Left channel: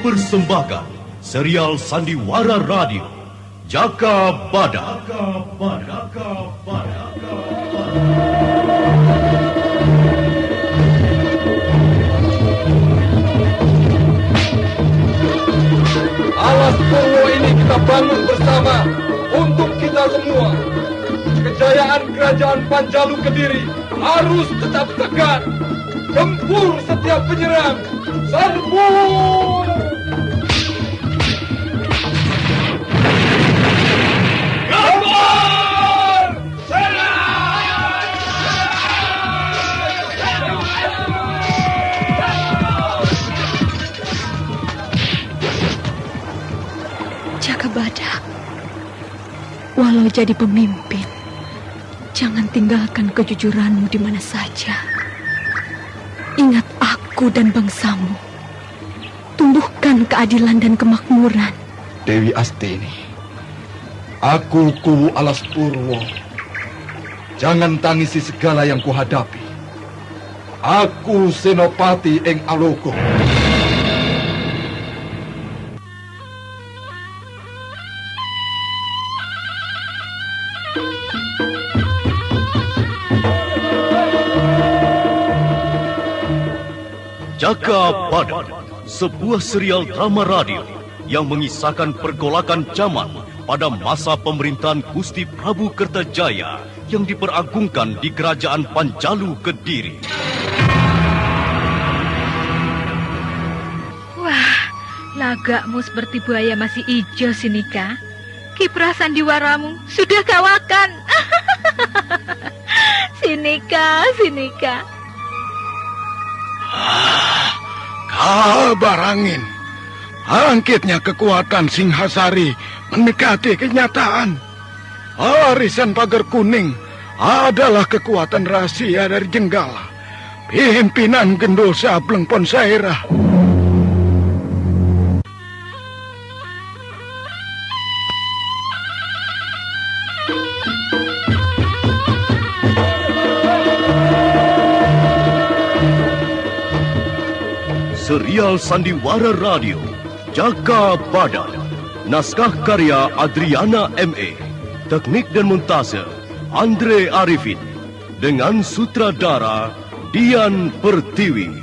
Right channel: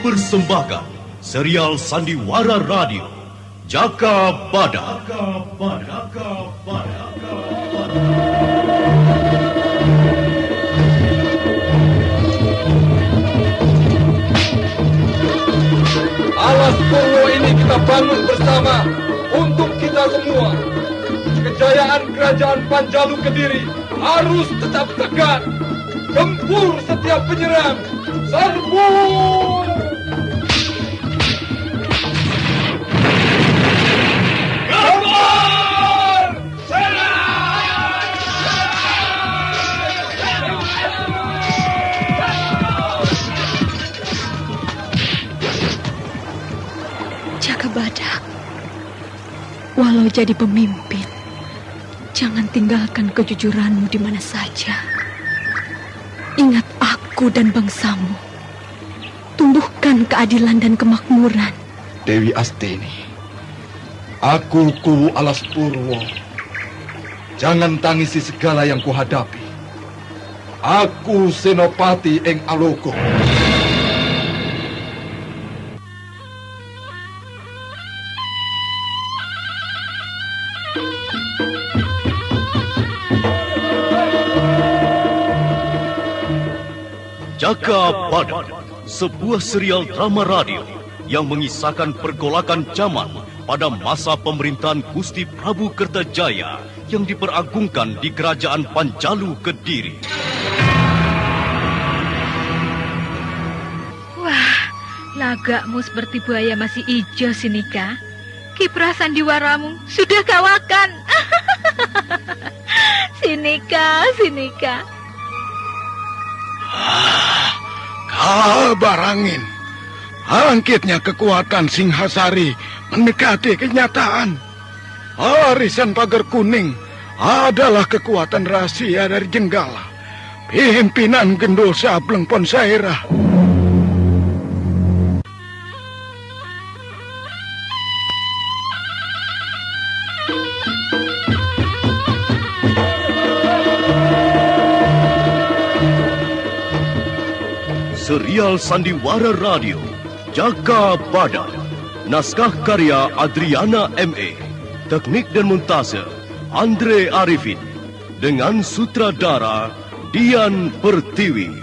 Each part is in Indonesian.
mempersembahkan serial Sandiwara Radio Jaka Badak. Alas Purwo ini kita bangun bersama untuk kita semua. Kejayaan kerajaan Panjalu Kediri harus tetap tegak. Tempur setiap penyerang. Serbu! Jaka Badak, walau jadi pemimpin, jangan tinggalkan kejujuranmu di mana saja. Ingat aku dan bangsamu. Tumbuhkan keadilan dan kemakmuran. Dewi Astini, aku Kuwu Alas Purwo. Jangan tangisi segala yang kuhadapi. Aku Senopati Ing Aloko. Jaka Badak, sebuah serial drama radio yang mengisahkan pergolakan zaman pada masa pemerintahan Gusti Prabu Kertajaya yang diperagungkan di Kerajaan Panjalu Kediri. Wah, lagakmu seperti buaya masih hijau, Sinika. Kiprah sandiwaramu sudah kawakan. Sinika. Kabar angin. Angkitnya kekuatan Singhasari mendekati kenyataan. Arisan Pagar Kuning adalah kekuatan rahasia dari Jenggala, pimpinan Gendul Sableng Ponsairah. Serial Sandiwara Radio Jaka Badak. Naskah karya Adriana M.E. Teknik dan montase Andre Arifin. Dengan sutradara Dian Pertiwi.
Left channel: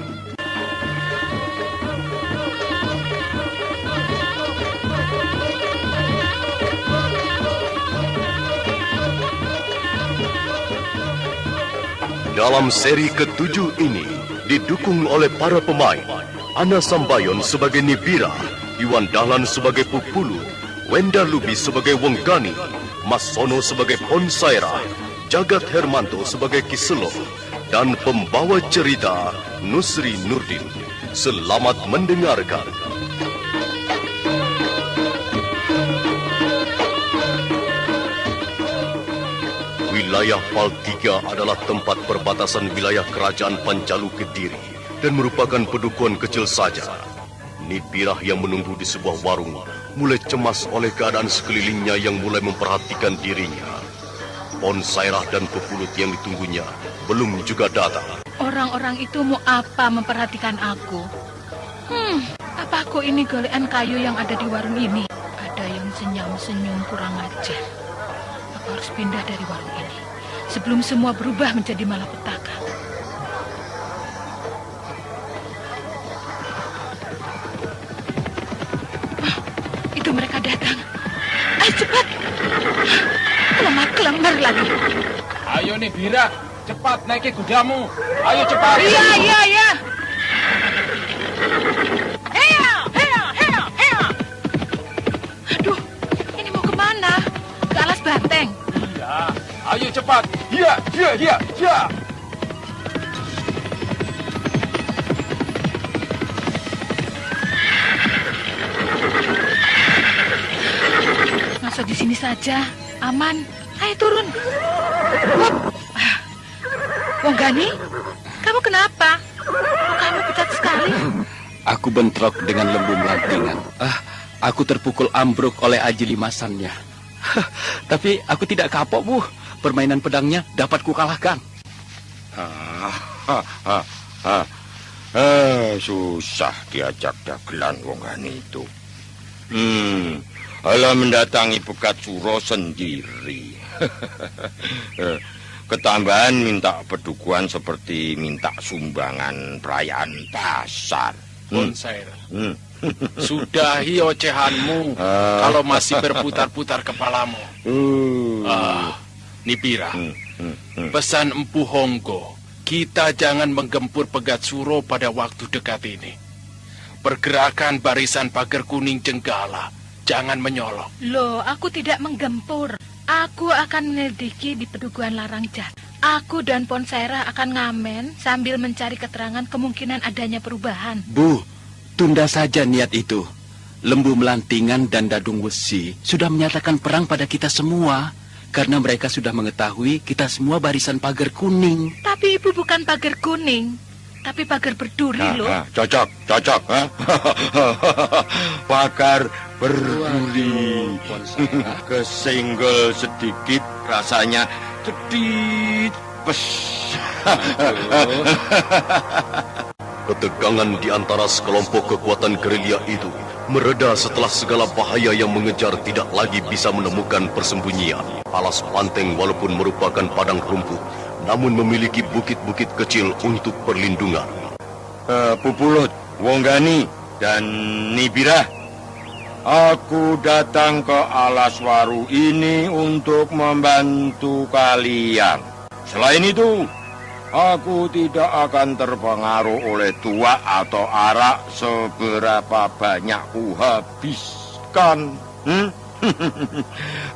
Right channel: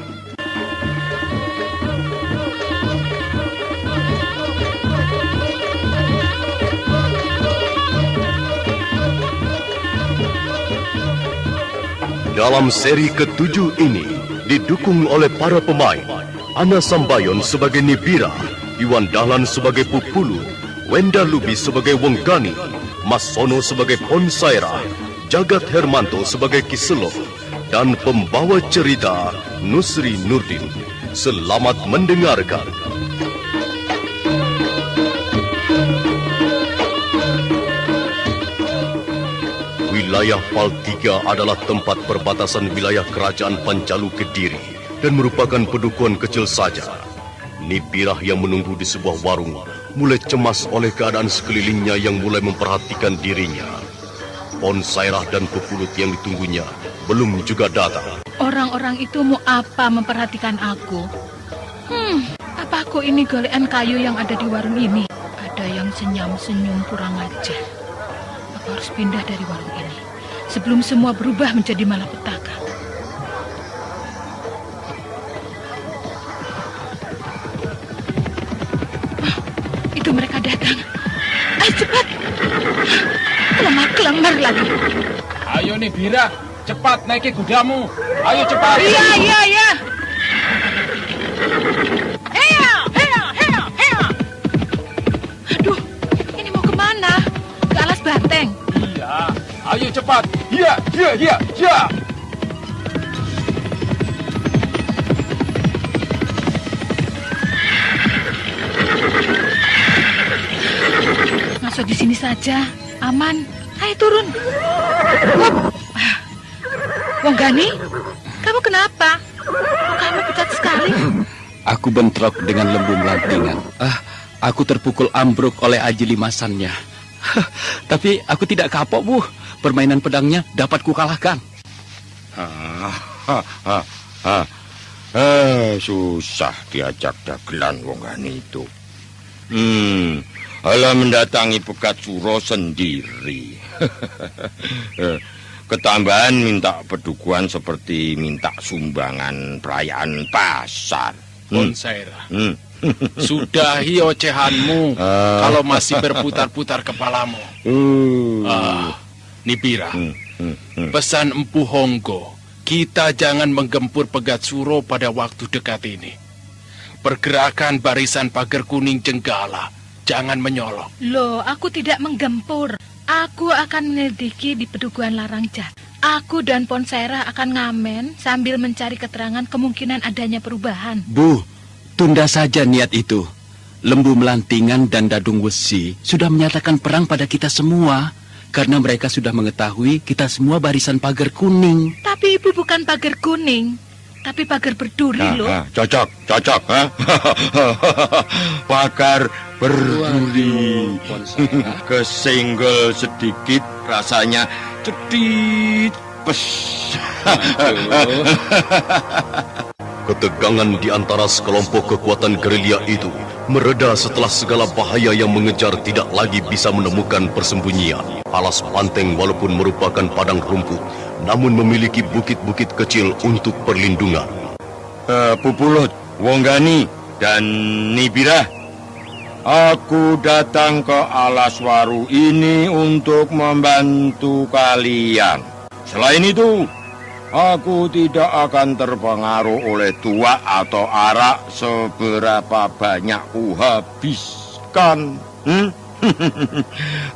Dalam seri ke-7 ini didukung oleh para pemain Ana Sambayon sebagai Nibira, Iwan Dahlan sebagai Pupulu, Wenda Lubis sebagai Wenggani, Mas Sono sebagai Ponsairah, Jagat Hermanto sebagai Kiselo, dan pembawa cerita Nusri Nurdin. Selamat mendengarkan. Wilayah Paltiga adalah tempat perbatasan wilayah Kerajaan Panjalu Kediri dan merupakan pedukuhan kecil saja. Nibirah yang menunggu di sebuah warung mulai cemas oleh keadaan sekelilingnya yang mulai memperhatikan dirinya. Ponsairah dan Pepulut yang ditunggunya belum juga datang. Orang-orang itu mau apa memperhatikan aku? Apa aku ini golekan kayu yang ada di warung ini? Ada yang senyum-senyum kurang ajar. Aku harus pindah dari warung ini sebelum semua berubah menjadi malapetaka. Itu mereka datang. Ayo cepat. Lemah kelemar lagi. Ayo nih Bira, cepat naiki kudamu. Ayo cepat. Iya. Heya. Aduh, ini mau kemana? Ke Alas Banteng. Iya, ayo cepat. Iya. Masuk di sini saja, aman. Ayo turun. Wenggani, kamu kenapa? Kamu pucat sekali. Aku bentrok dengan lembu melantingan. Aku terpukul ambruk oleh aji limasannya. Tapi aku tidak kapok, Bu. Permainan pedangnya dapat kukalahkan. Susah diajak dagelan wong gani itu. Alah mendatangi Pegat Suro sendiri. Ketambahan minta pedukuhan seperti minta sumbangan perayaan pasar. Ponsaira, sudahi ocehanmu kalau masih berputar-putar kepalamu. Nibira, pesan Empu Honggo, kita jangan menggempur Pegat Suro pada waktu dekat ini. Pergerakan barisan pagar kuning Jenggala, jangan menyolok. Loh, aku tidak menggempur. Aku akan menyelidiki di Pedukuhan Larangjat. Aku dan Ponsaira akan ngamen sambil mencari keterangan kemungkinan adanya perubahan. Bu, tunda saja niat itu. Lembu Melantingan dan Dadung Wesi sudah menyatakan perang pada kita semua. Karena mereka sudah mengetahui kita semua barisan pagar kuning. Tapi ibu bukan pagar kuning, tapi pagar berduri loh. Cocok. Pagar berduri. Kesenggol sedikit rasanya cedit. Pes. Ketegangan di antara sekelompok kekuatan gerilya itu mereda setelah segala bahaya yang mengejar tidak lagi bisa menemukan persembunyian. Alas Panteng walaupun merupakan padang rumput, namun memiliki bukit-bukit kecil untuk perlindungan. Pupulut, Wonggani, dan Nibira, aku datang ke Alas Waru ini untuk membantu kalian. Selain itu, aku tidak akan terpengaruh oleh tua atau arak seberapa banyak kuhabiskan.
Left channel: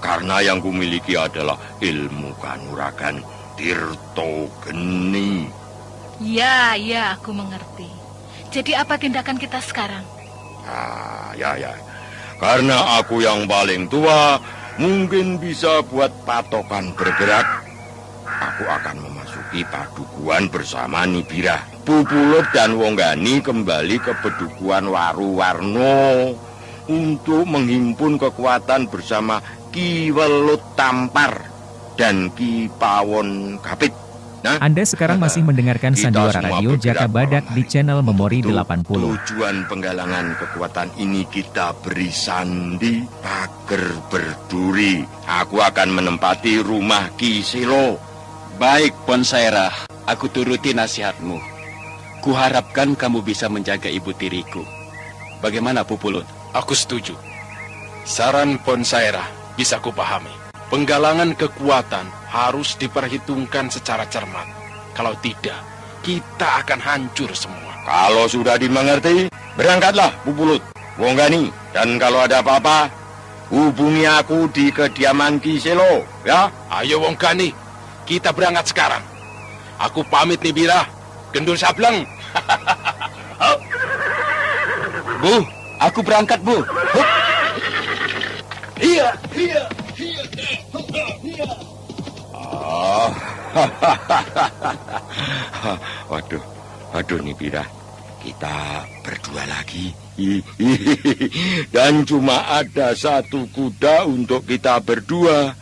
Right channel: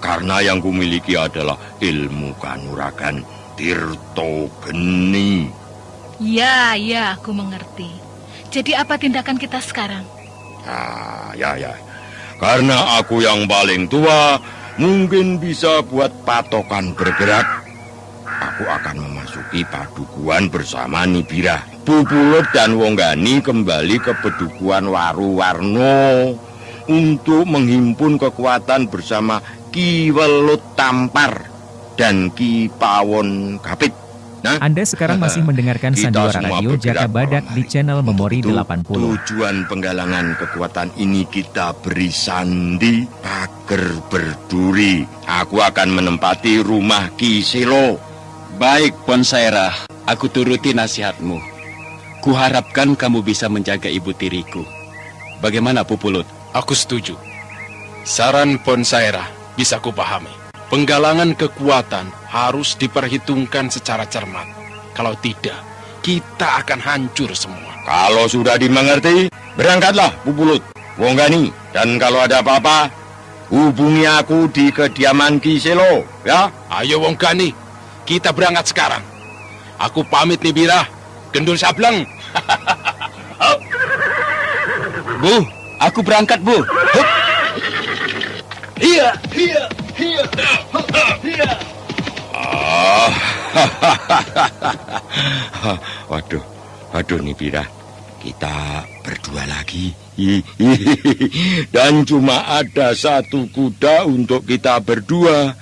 Karena yang kumiliki adalah ilmu kanuragan Tirto Geni. Ya, aku mengerti. Jadi apa tindakan kita sekarang? Ya. Karena aku yang paling tua, mungkin bisa buat patokan bergerak. Aku akan memasuki padukuhan bersama Nibira. Pupulut dan Wonggani kembali ke Pedukuhan Waru Warno untuk menghimpun kekuatan bersama Ki Welut Tampar dan Ki Pawon Kapit. Nah, Anda sekarang masih mendengarkan Sandiwara Radio Jaka Badak di channel Memori 80. Tujuan penggalangan kekuatan ini kita beri sandi pagar berduri. Aku akan menempati rumah Ki Selo. Baik, Ponsaira, aku turuti nasihatmu. Kuharapkan kamu bisa menjaga ibu tiriku. Bagaimana, Pupulut? Aku setuju. Saran Ponsaira bisa kupahami. Penggalangan kekuatan harus diperhitungkan secara cermat. Kalau tidak, kita akan hancur semua. Kalau sudah dimengerti, berangkatlah Pupulut, Wonggani. Dan kalau ada apa-apa, hubungi aku di kediaman Ki Selo, ya? Ayo Wonggani, kita berangkat sekarang. Aku pamit Nibira, Gendul Sableng. Bu, aku berangkat, Bu. Hup. Iya. Waduh Nibira, kita berdua lagi. Dan cuma ada satu kuda untuk kita berdua.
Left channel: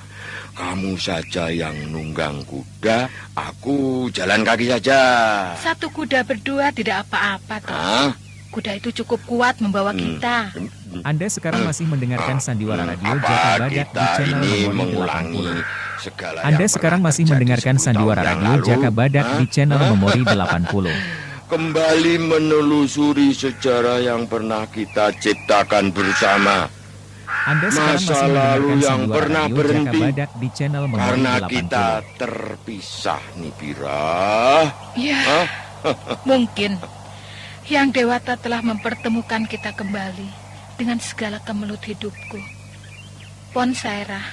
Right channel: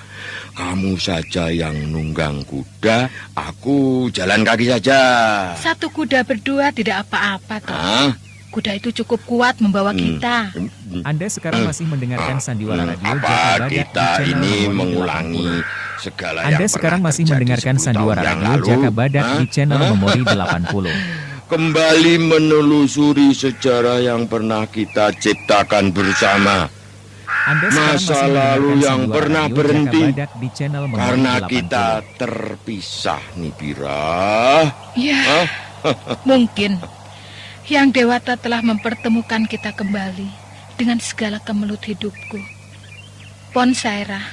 Kamu saja yang nunggang kuda, aku jalan kaki saja. Satu kuda berdua tidak apa-apa toh. Kuda itu cukup kuat membawa kita. Anda sekarang masih mendengarkan Sandiwara Radio Jaka Badak di kita channel ini Memori mengulangi 80. segala Anda yang sekarang pernah masih terjadi mendengarkan 10 Sandiwara tahun yang Radio lalu? Jaka Badak di channel Memori 80. Kembali menelusuri sejarah yang pernah kita ciptakan bersama. Anda sekarang Masa masih lalu mendengarkan yang Sandiwara pernah Radio berhenti Jaka Badak di channel Memori Karena 80. kita terpisah, Nibira. Ya, mungkin Yang Dewata telah mempertemukan kita kembali dengan segala kemelut hidupku. Ponsaira,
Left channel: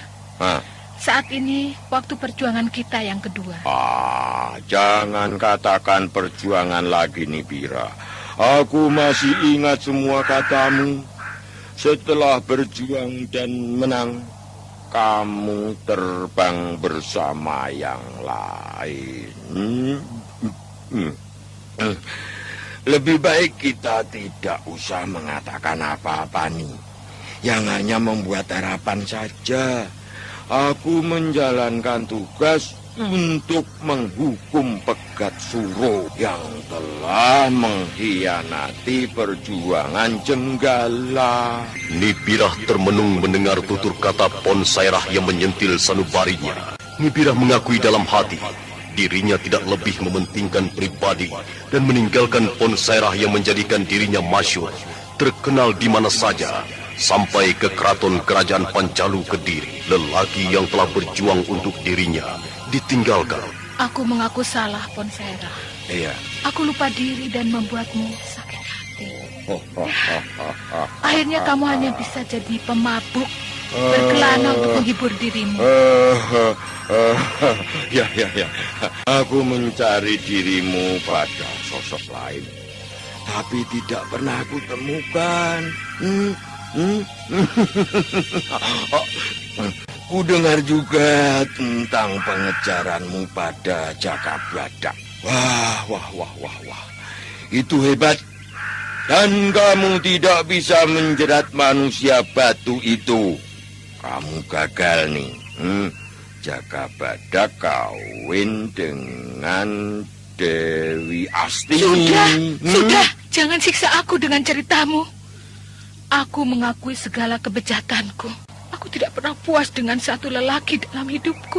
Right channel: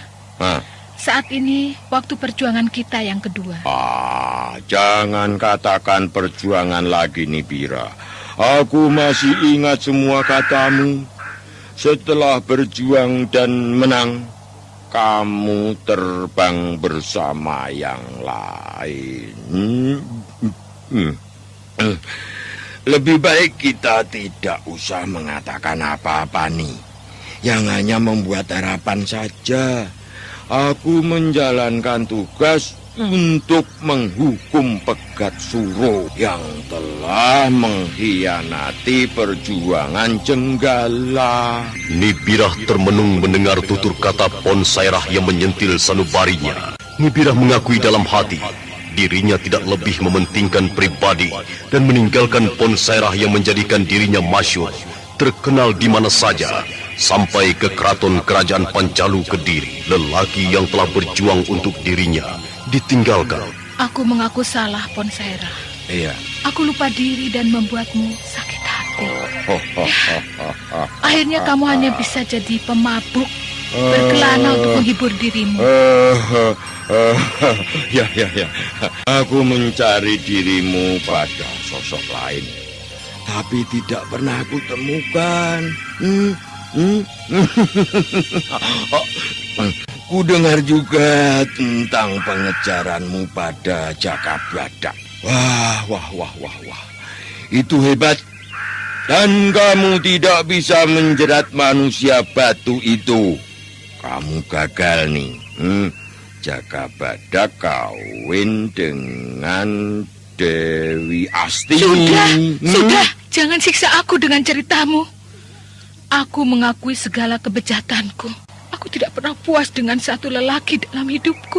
saat ini waktu perjuangan kita yang kedua. Jangan katakan perjuangan lagi, Nibira. Aku masih ingat semua katamu. Setelah berjuang dan menang, kamu terbang bersama yang lain. Lebih baik kita tidak usah mengatakan apa-apa nih. Yang hanya membuat harapan saja. Aku menjalankan tugas untuk menghukum Pegat Suro yang telah mengkhianati perjuangan Jenggala. Nibirah termenung mendengar tutur kata Pon Sairah yang menyentil sanubarinya. Nibirah mengakui dalam hati dirinya tidak lebih mementingkan pribadi dan meninggalkan Pon Sairah yang menjadikan dirinya masyhur, terkenal di mana saja, sampai ke keraton kerajaan Pancalu Kediri. Lelaki yang telah berjuang untuk dirinya ditinggalkan. Aku mengaku salah, Pon Sairah. Iya. Aku lupa diri dan membuatmu sakit hati. Akhirnya kamu hanya bisa jadi pemabuk, berkelana untuk menghibur dirimu. Ya. Aku mencari dirimu pada sosok lain, tapi tidak pernah aku temukan. Ku dengar juga tentang pengejaranmu pada Jaka Badak. Wah. Itu hebat. Dan kamu tidak bisa menjerat manusia batu itu. Kamu gagal nih. Jaka Badak kawin dengan Dewi Asti. Sudah. Jangan siksa aku dengan ceritamu. Aku mengakui segala kebejatanku. Aku tidak pernah puas dengan satu lelaki dalam hidupku.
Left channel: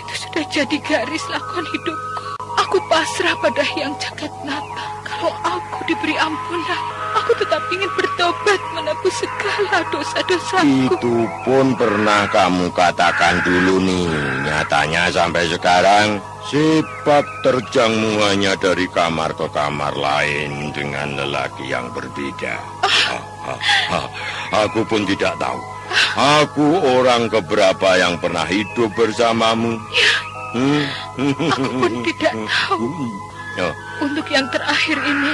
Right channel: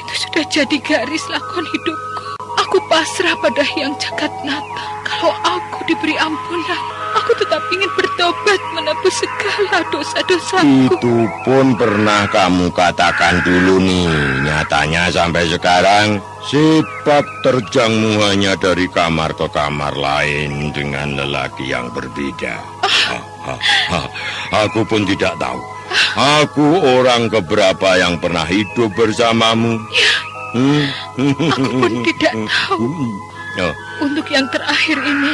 Itu sudah jadi garis lakon hidupku. Aku pasrah pada Hyang Jagatnata. Kalau aku diberi ampunan, aku tetap ingin bertobat menebus segala dosa-dosaku. Itu pun pernah kamu katakan dulu nih. Nyatanya sampai sekarang sepak terjangmu hanya dari kamar ke kamar lain dengan lelaki yang berbeda. Aku pun tidak tahu. Aku orang keberapa yang pernah hidup bersamamu. Aku pun tidak tahu. Untuk yang terakhir ini,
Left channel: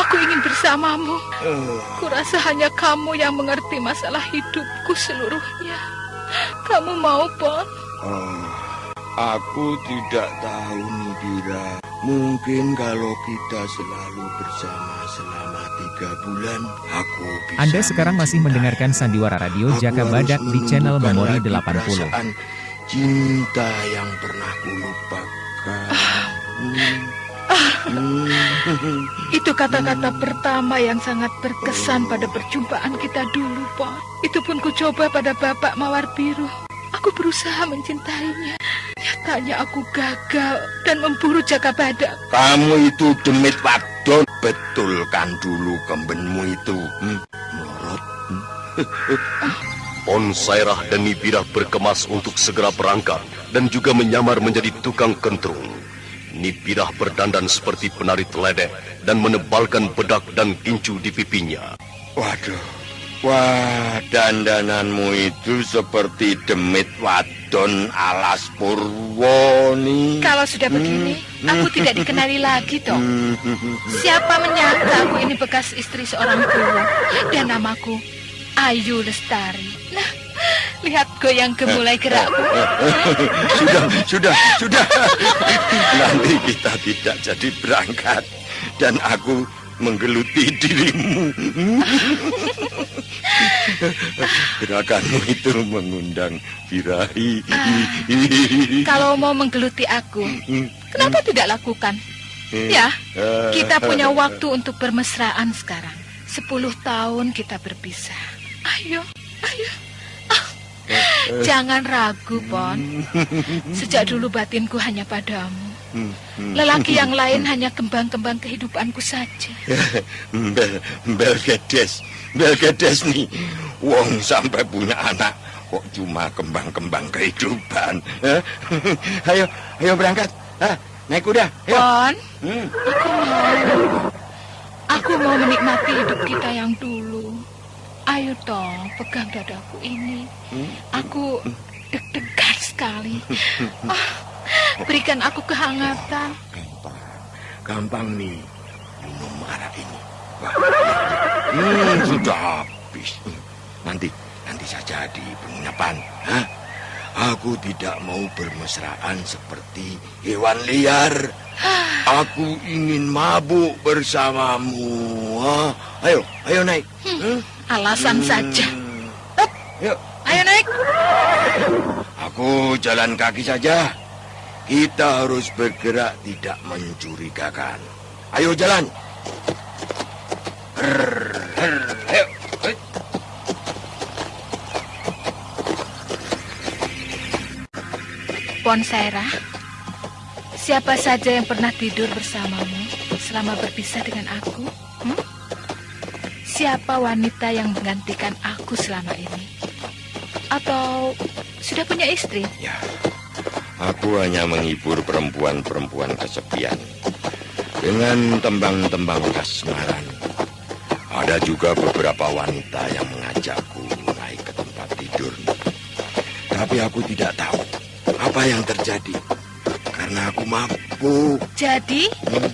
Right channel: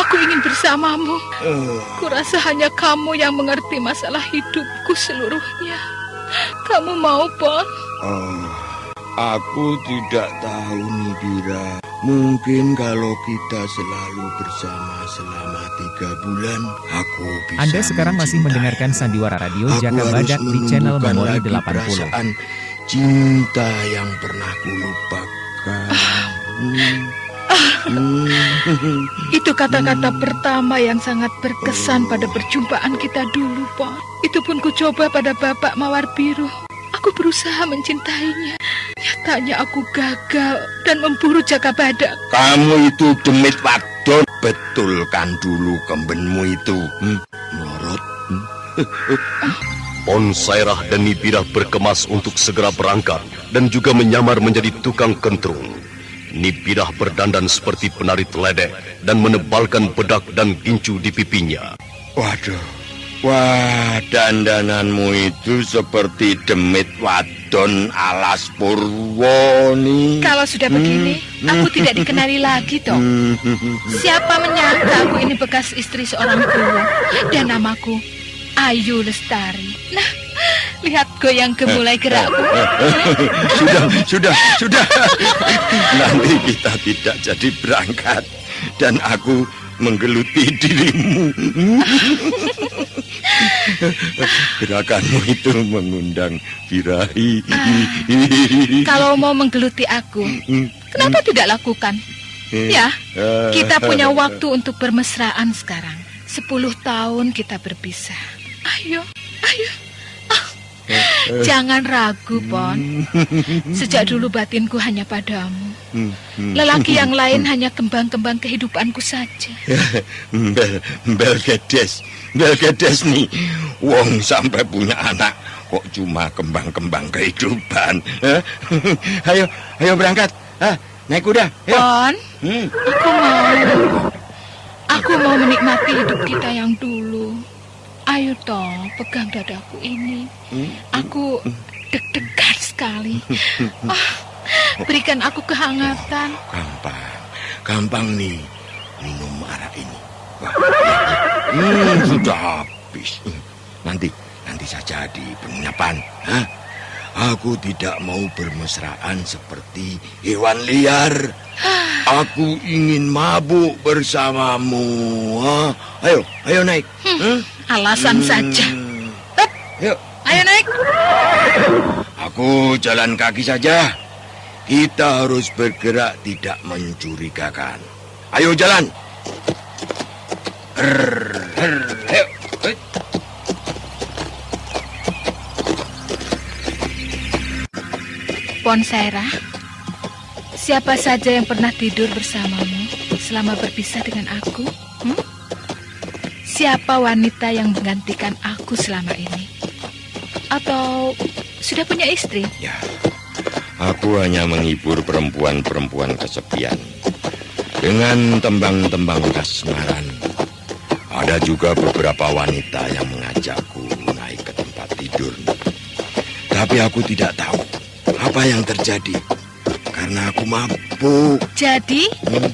aku ingin bersamamu. Kurasa hanya kamu yang mengerti masalah hidupku seluruhnya. Kamu mau, Pon? Aku tidak tahu, Nibira. Mungkin kalau kita selalu bersama selama 3 bulan, aku bisa. Anda sekarang masih mendengarkan Sandiwara Radio Jaka Badak di channel Memori 80. Cinta yang pernah kulupakan. Itu kata-kata pertama yang sangat berkesan pada perjumpaan kita dulu, Pon. Itu pun kucoba pada Bapak Mawar Biru. Aku berusaha mencintainya. Nyatanya aku gagal dan memburu Jaka Badak. Kamu itu demit wadon. Betulkan dulu kembenmu itu. Melorot. Pon Sairah dan Nibirah berkemas untuk segera berangkat dan juga menyamar menjadi tukang kentrung. Nibirah berdandan seperti penari teledek dan menebalkan bedak dan gincu di pipinya. Wah, dandananmu itu seperti demit wadon alas Purwoni. Kalau sudah begini, aku tidak dikenali lagi, toh. Siapa menyangka aku ini bekas istri seorang guru dan namaku Ayu Lestari. Nah, lihat goyang gemulai gerakku. Sudah. Nanti kita tidak jadi berangkat dan aku menggeluti dirimu. Gerakanmu itu mengundang birahi. Kalau mau menggeluti aku, kenapa tidak lakukan? Ya, kita punya waktu untuk bermesraan sekarang. 10 tahun kita berpisah. Ayo. Jangan ragu, Pon. Sejak dulu batinku hanya padamu. Lelaki yang lain hanya kembang-kembang kehidupanku saja. Bel gedes nih. Wong sampai punya anak kok cuma kembang-kembang kehidupan. Ayo berangkat. Naik kuda. Pon, aku mau menikmati hidup kita yang dulu. Ayo toh, pegang dadaku ini. Aku deg-degan sekali. Berikan aku kehangatan. Gampang nih minum arak ini. Sudah habis. Nanti saja di penginapan. Aku tidak mau bermesraan seperti hewan liar. Aku ingin mabuk bersamamu. Ayo naik. Alasan saja. Ayo naik. Aku jalan kaki saja. Kita harus bergerak tidak mencurigakan. Ayo jalan. Ayo. Ponsaira, siapa saja yang pernah tidur bersamamu selama berpisah dengan aku? Siapa wanita yang menggantikan aku selama ini? Atau sudah punya istri? Ya, aku hanya menghibur perempuan-perempuan kesepian dengan tembang-tembang kasmaran. Ada juga beberapa wanita yang mengajakku naik ke tempat tidur. Tapi aku tidak tahu apa yang terjadi karena aku mabuk. Jadi,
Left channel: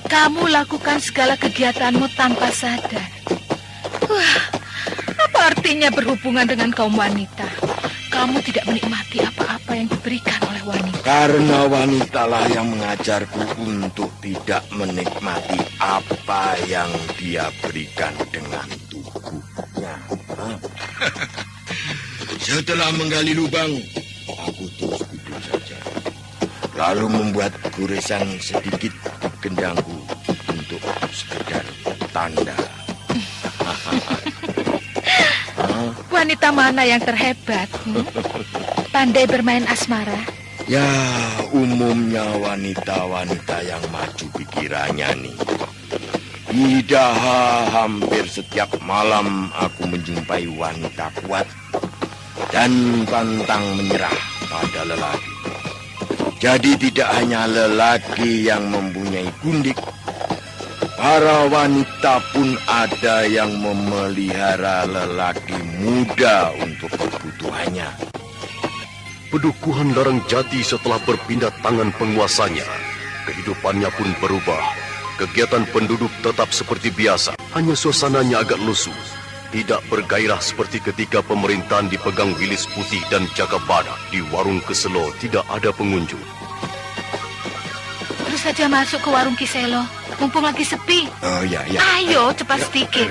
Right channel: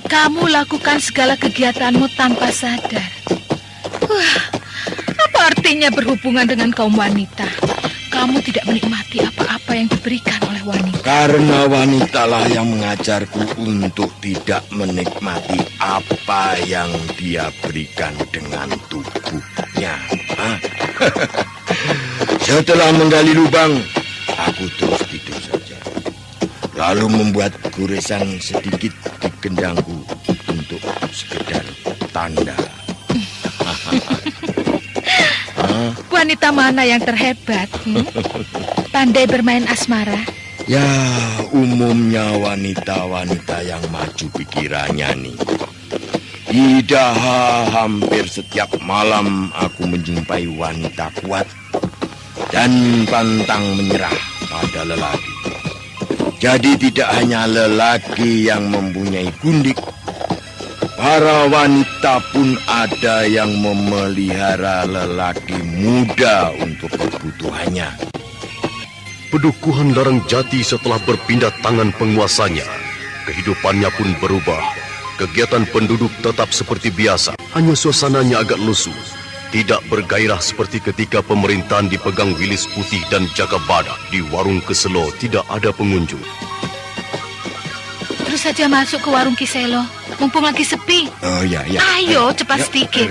kamu lakukan segala kegiatanmu tanpa sadar. Wah, apa artinya berhubungan dengan kaum wanita? Kamu tidak menikmati apa-apa yang diberikan oleh wanita. Karena wanitalah yang mengajarku untuk tidak menikmati apa yang dia berikan dengan tubuhnya. Setelah menggali lubang, aku terus tidur saja. Lalu membuat goresan sedikit di gendangku untuk sekedar tanda. Wanita mana yang terhebat? Pandai bermain asmara? Ya, umumnya wanita-wanita yang maju pikirannya nih. Tidak hampir setiap malam aku menjumpai wanita kuat dan pantang menyerah pada lelaki. Jadi tidak hanya lelaki yang mempunyai gundik, para wanita pun ada yang memelihara lelaki muda untuk kebutuhannya. Pedukuhan Larang Jati setelah berpindah tangan penguasanya, kehidupannya pun berubah. Kegiatan penduduk tetap seperti biasa, hanya suasananya agak lusuh. Tidak bergairah seperti ketika pemerintahan dipegang Wilis Putih dan Jaka Badak. Di warung Keselo tidak ada pengunjung. Terus saja masuk ke warung Kiselo, mumpung lagi sepi. Oh ya, ya. Ayo, cepat sedikit.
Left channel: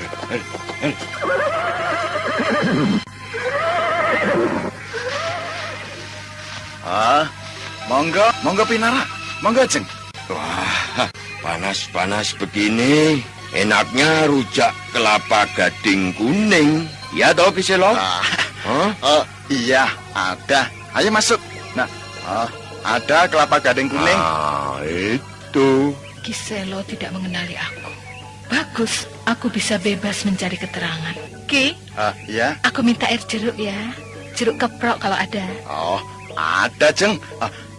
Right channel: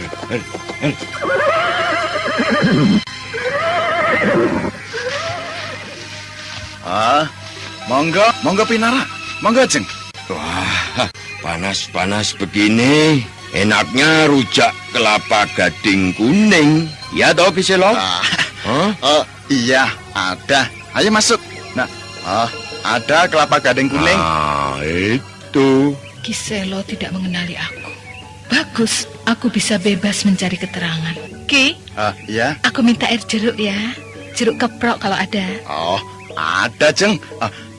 Monggo Pinara, monggo Jeng. Wah, panas-panas begini, enaknya rujak kelapa gading kuning. Ya toh Kiselo? Iya, ada. Ayo masuk. Nah, ada kelapa gading kuning. Itu. Kiselo tidak mengenali aku. Bagus, aku bisa bebas mencari keterangan. Ki, Iya. aku minta air jeruk ya. Jeruk keprok kalau ada. Oh, ada Jeng.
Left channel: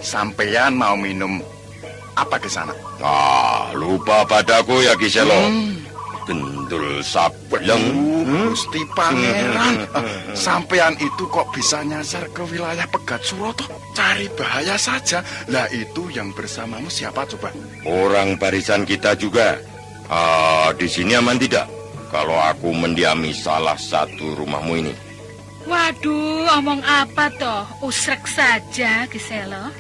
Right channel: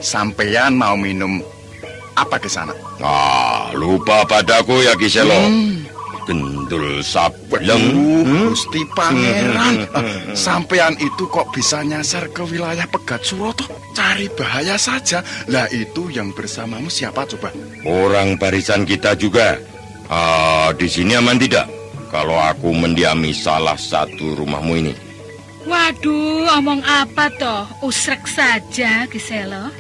Sampeyan mau minum apa ke sana? Lupa padaku ya Kiselo. Gendul sableng. Gusti Pangeran. Sampeyan itu kok bisa nyasar ke wilayah Pegat Suroto? Cari bahaya saja. Lah itu yang bersamamu siapa coba? Orang barisan kita juga. Di sini aman tidak? Kalau aku mendiami salah satu rumahmu ini. Waduh, omong apa toh? Usrek saja, Kiselo.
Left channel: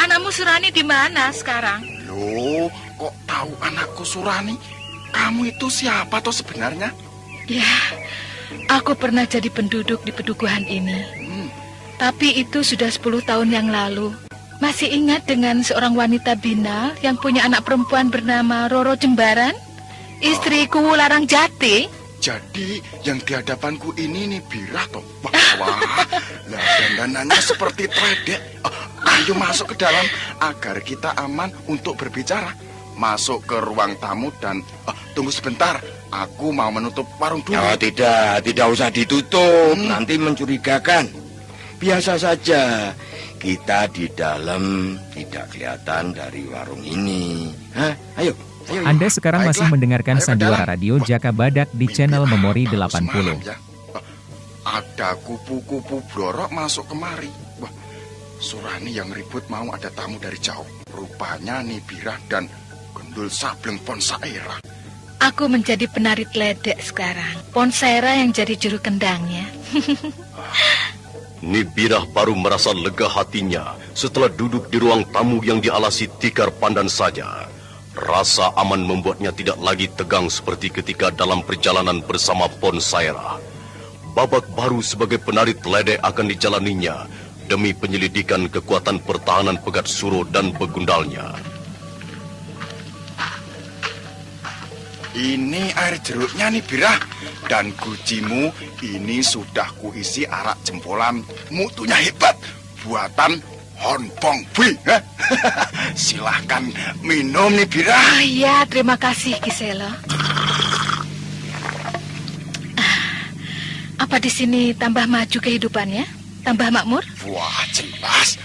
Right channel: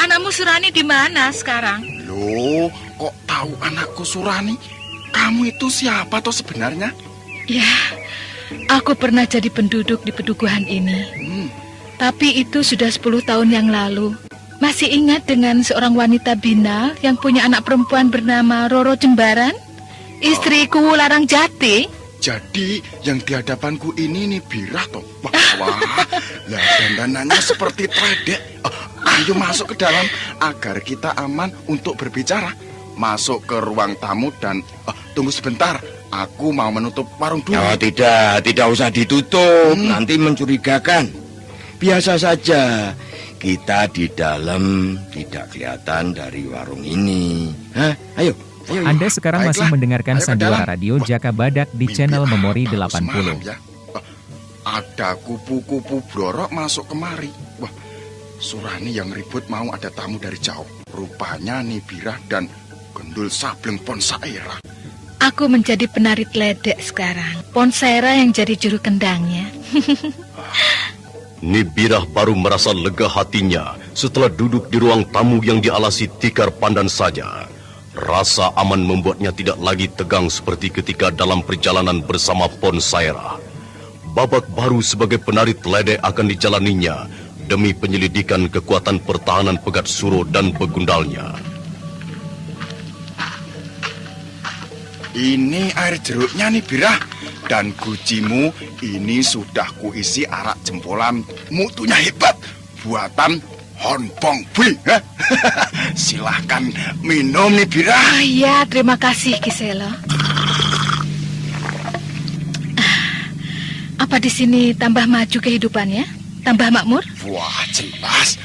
Anakmu Surani di mana sekarang? Loh, kok tahu anakku Surani? Kamu itu siapa toh sebenarnya? Ya, aku pernah jadi penduduk di pedukuhan ini. Tapi itu sudah 10 tahun yang lalu. Masih ingat dengan seorang wanita binal yang punya anak perempuan bernama Roro Jembaran? Istriku Larang Jati. Jadi yang di hadapanku ini nih Birah toh. Wah, lah dandanannya seperti tredek. Ayo masuk ke dalam agar kita aman untuk berbicara. Masuk ke ruang tamu dan tunggu sebentar. Aku mau menutup warung dulu. Oh, tidak usah ditutup. Nanti mencurigakan. Biasa saja. Kita di dalam tidak kelihatan dari warung ini. Ayo. Anda sekarang masih mendengarkan Sandiwara Radio Jaka Badak di channel Memori 80. Ya. Ada kupu-kupu blorok masuk kemari. Wah, Surani yang ribut mau ada tamu dari jauh. Rupanya nih Birah dan Gendul Sableng Ponsaira. Aku menjadi penari ledek sekarang. Ponsaira yang jadi juru kendangnya. Nibirah baru merasa lega hatinya setelah duduk di ruang tamu yang dialasi tikar pandan saja. Rasa aman membuatnya tidak lagi tegang seperti ketika dalam perjalanan bersama Ponsaira. babak baru sebagai penari teledek akan dijalaninya demi penyelidikan kekuatan pertahanan Pegat Suro dan begundalnya. Ini air jeruknya nih, Bira. Dan gucimu ini sudah kuisi arak jempolan. Mutunya hebat. Buatan Honbong Bui. Silahkan minum nih, Bira. Oh iya, terima kasih, Kiselo. Apa di sini tambah maju kehidupannya? Tambah makmur? Wah, jelas.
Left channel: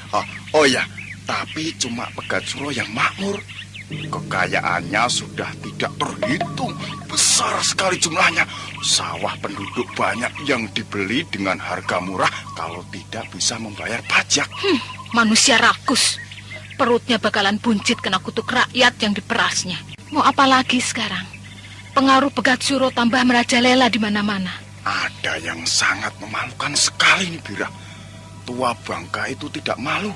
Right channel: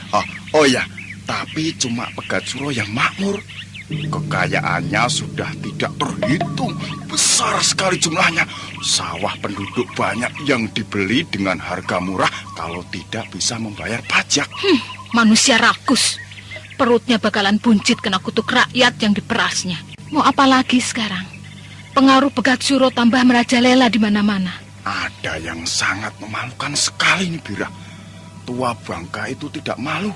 Oh ya, tapi cuma Pegat Suro yang makmur. Kekayaannya sudah tidak terhitung. Besar sekali jumlahnya. Sawah penduduk banyak yang dibeli dengan harga murah kalau tidak bisa membayar pajak. Manusia rakus. Perutnya bakalan buncit kena kutuk rakyat yang diperasnya. Mau apa lagi sekarang? Pengaruh Pegat Suro tambah merajalela di mana-mana. Ada yang sangat memalukan sekali nih, Bira. Tua bangka itu tidak malu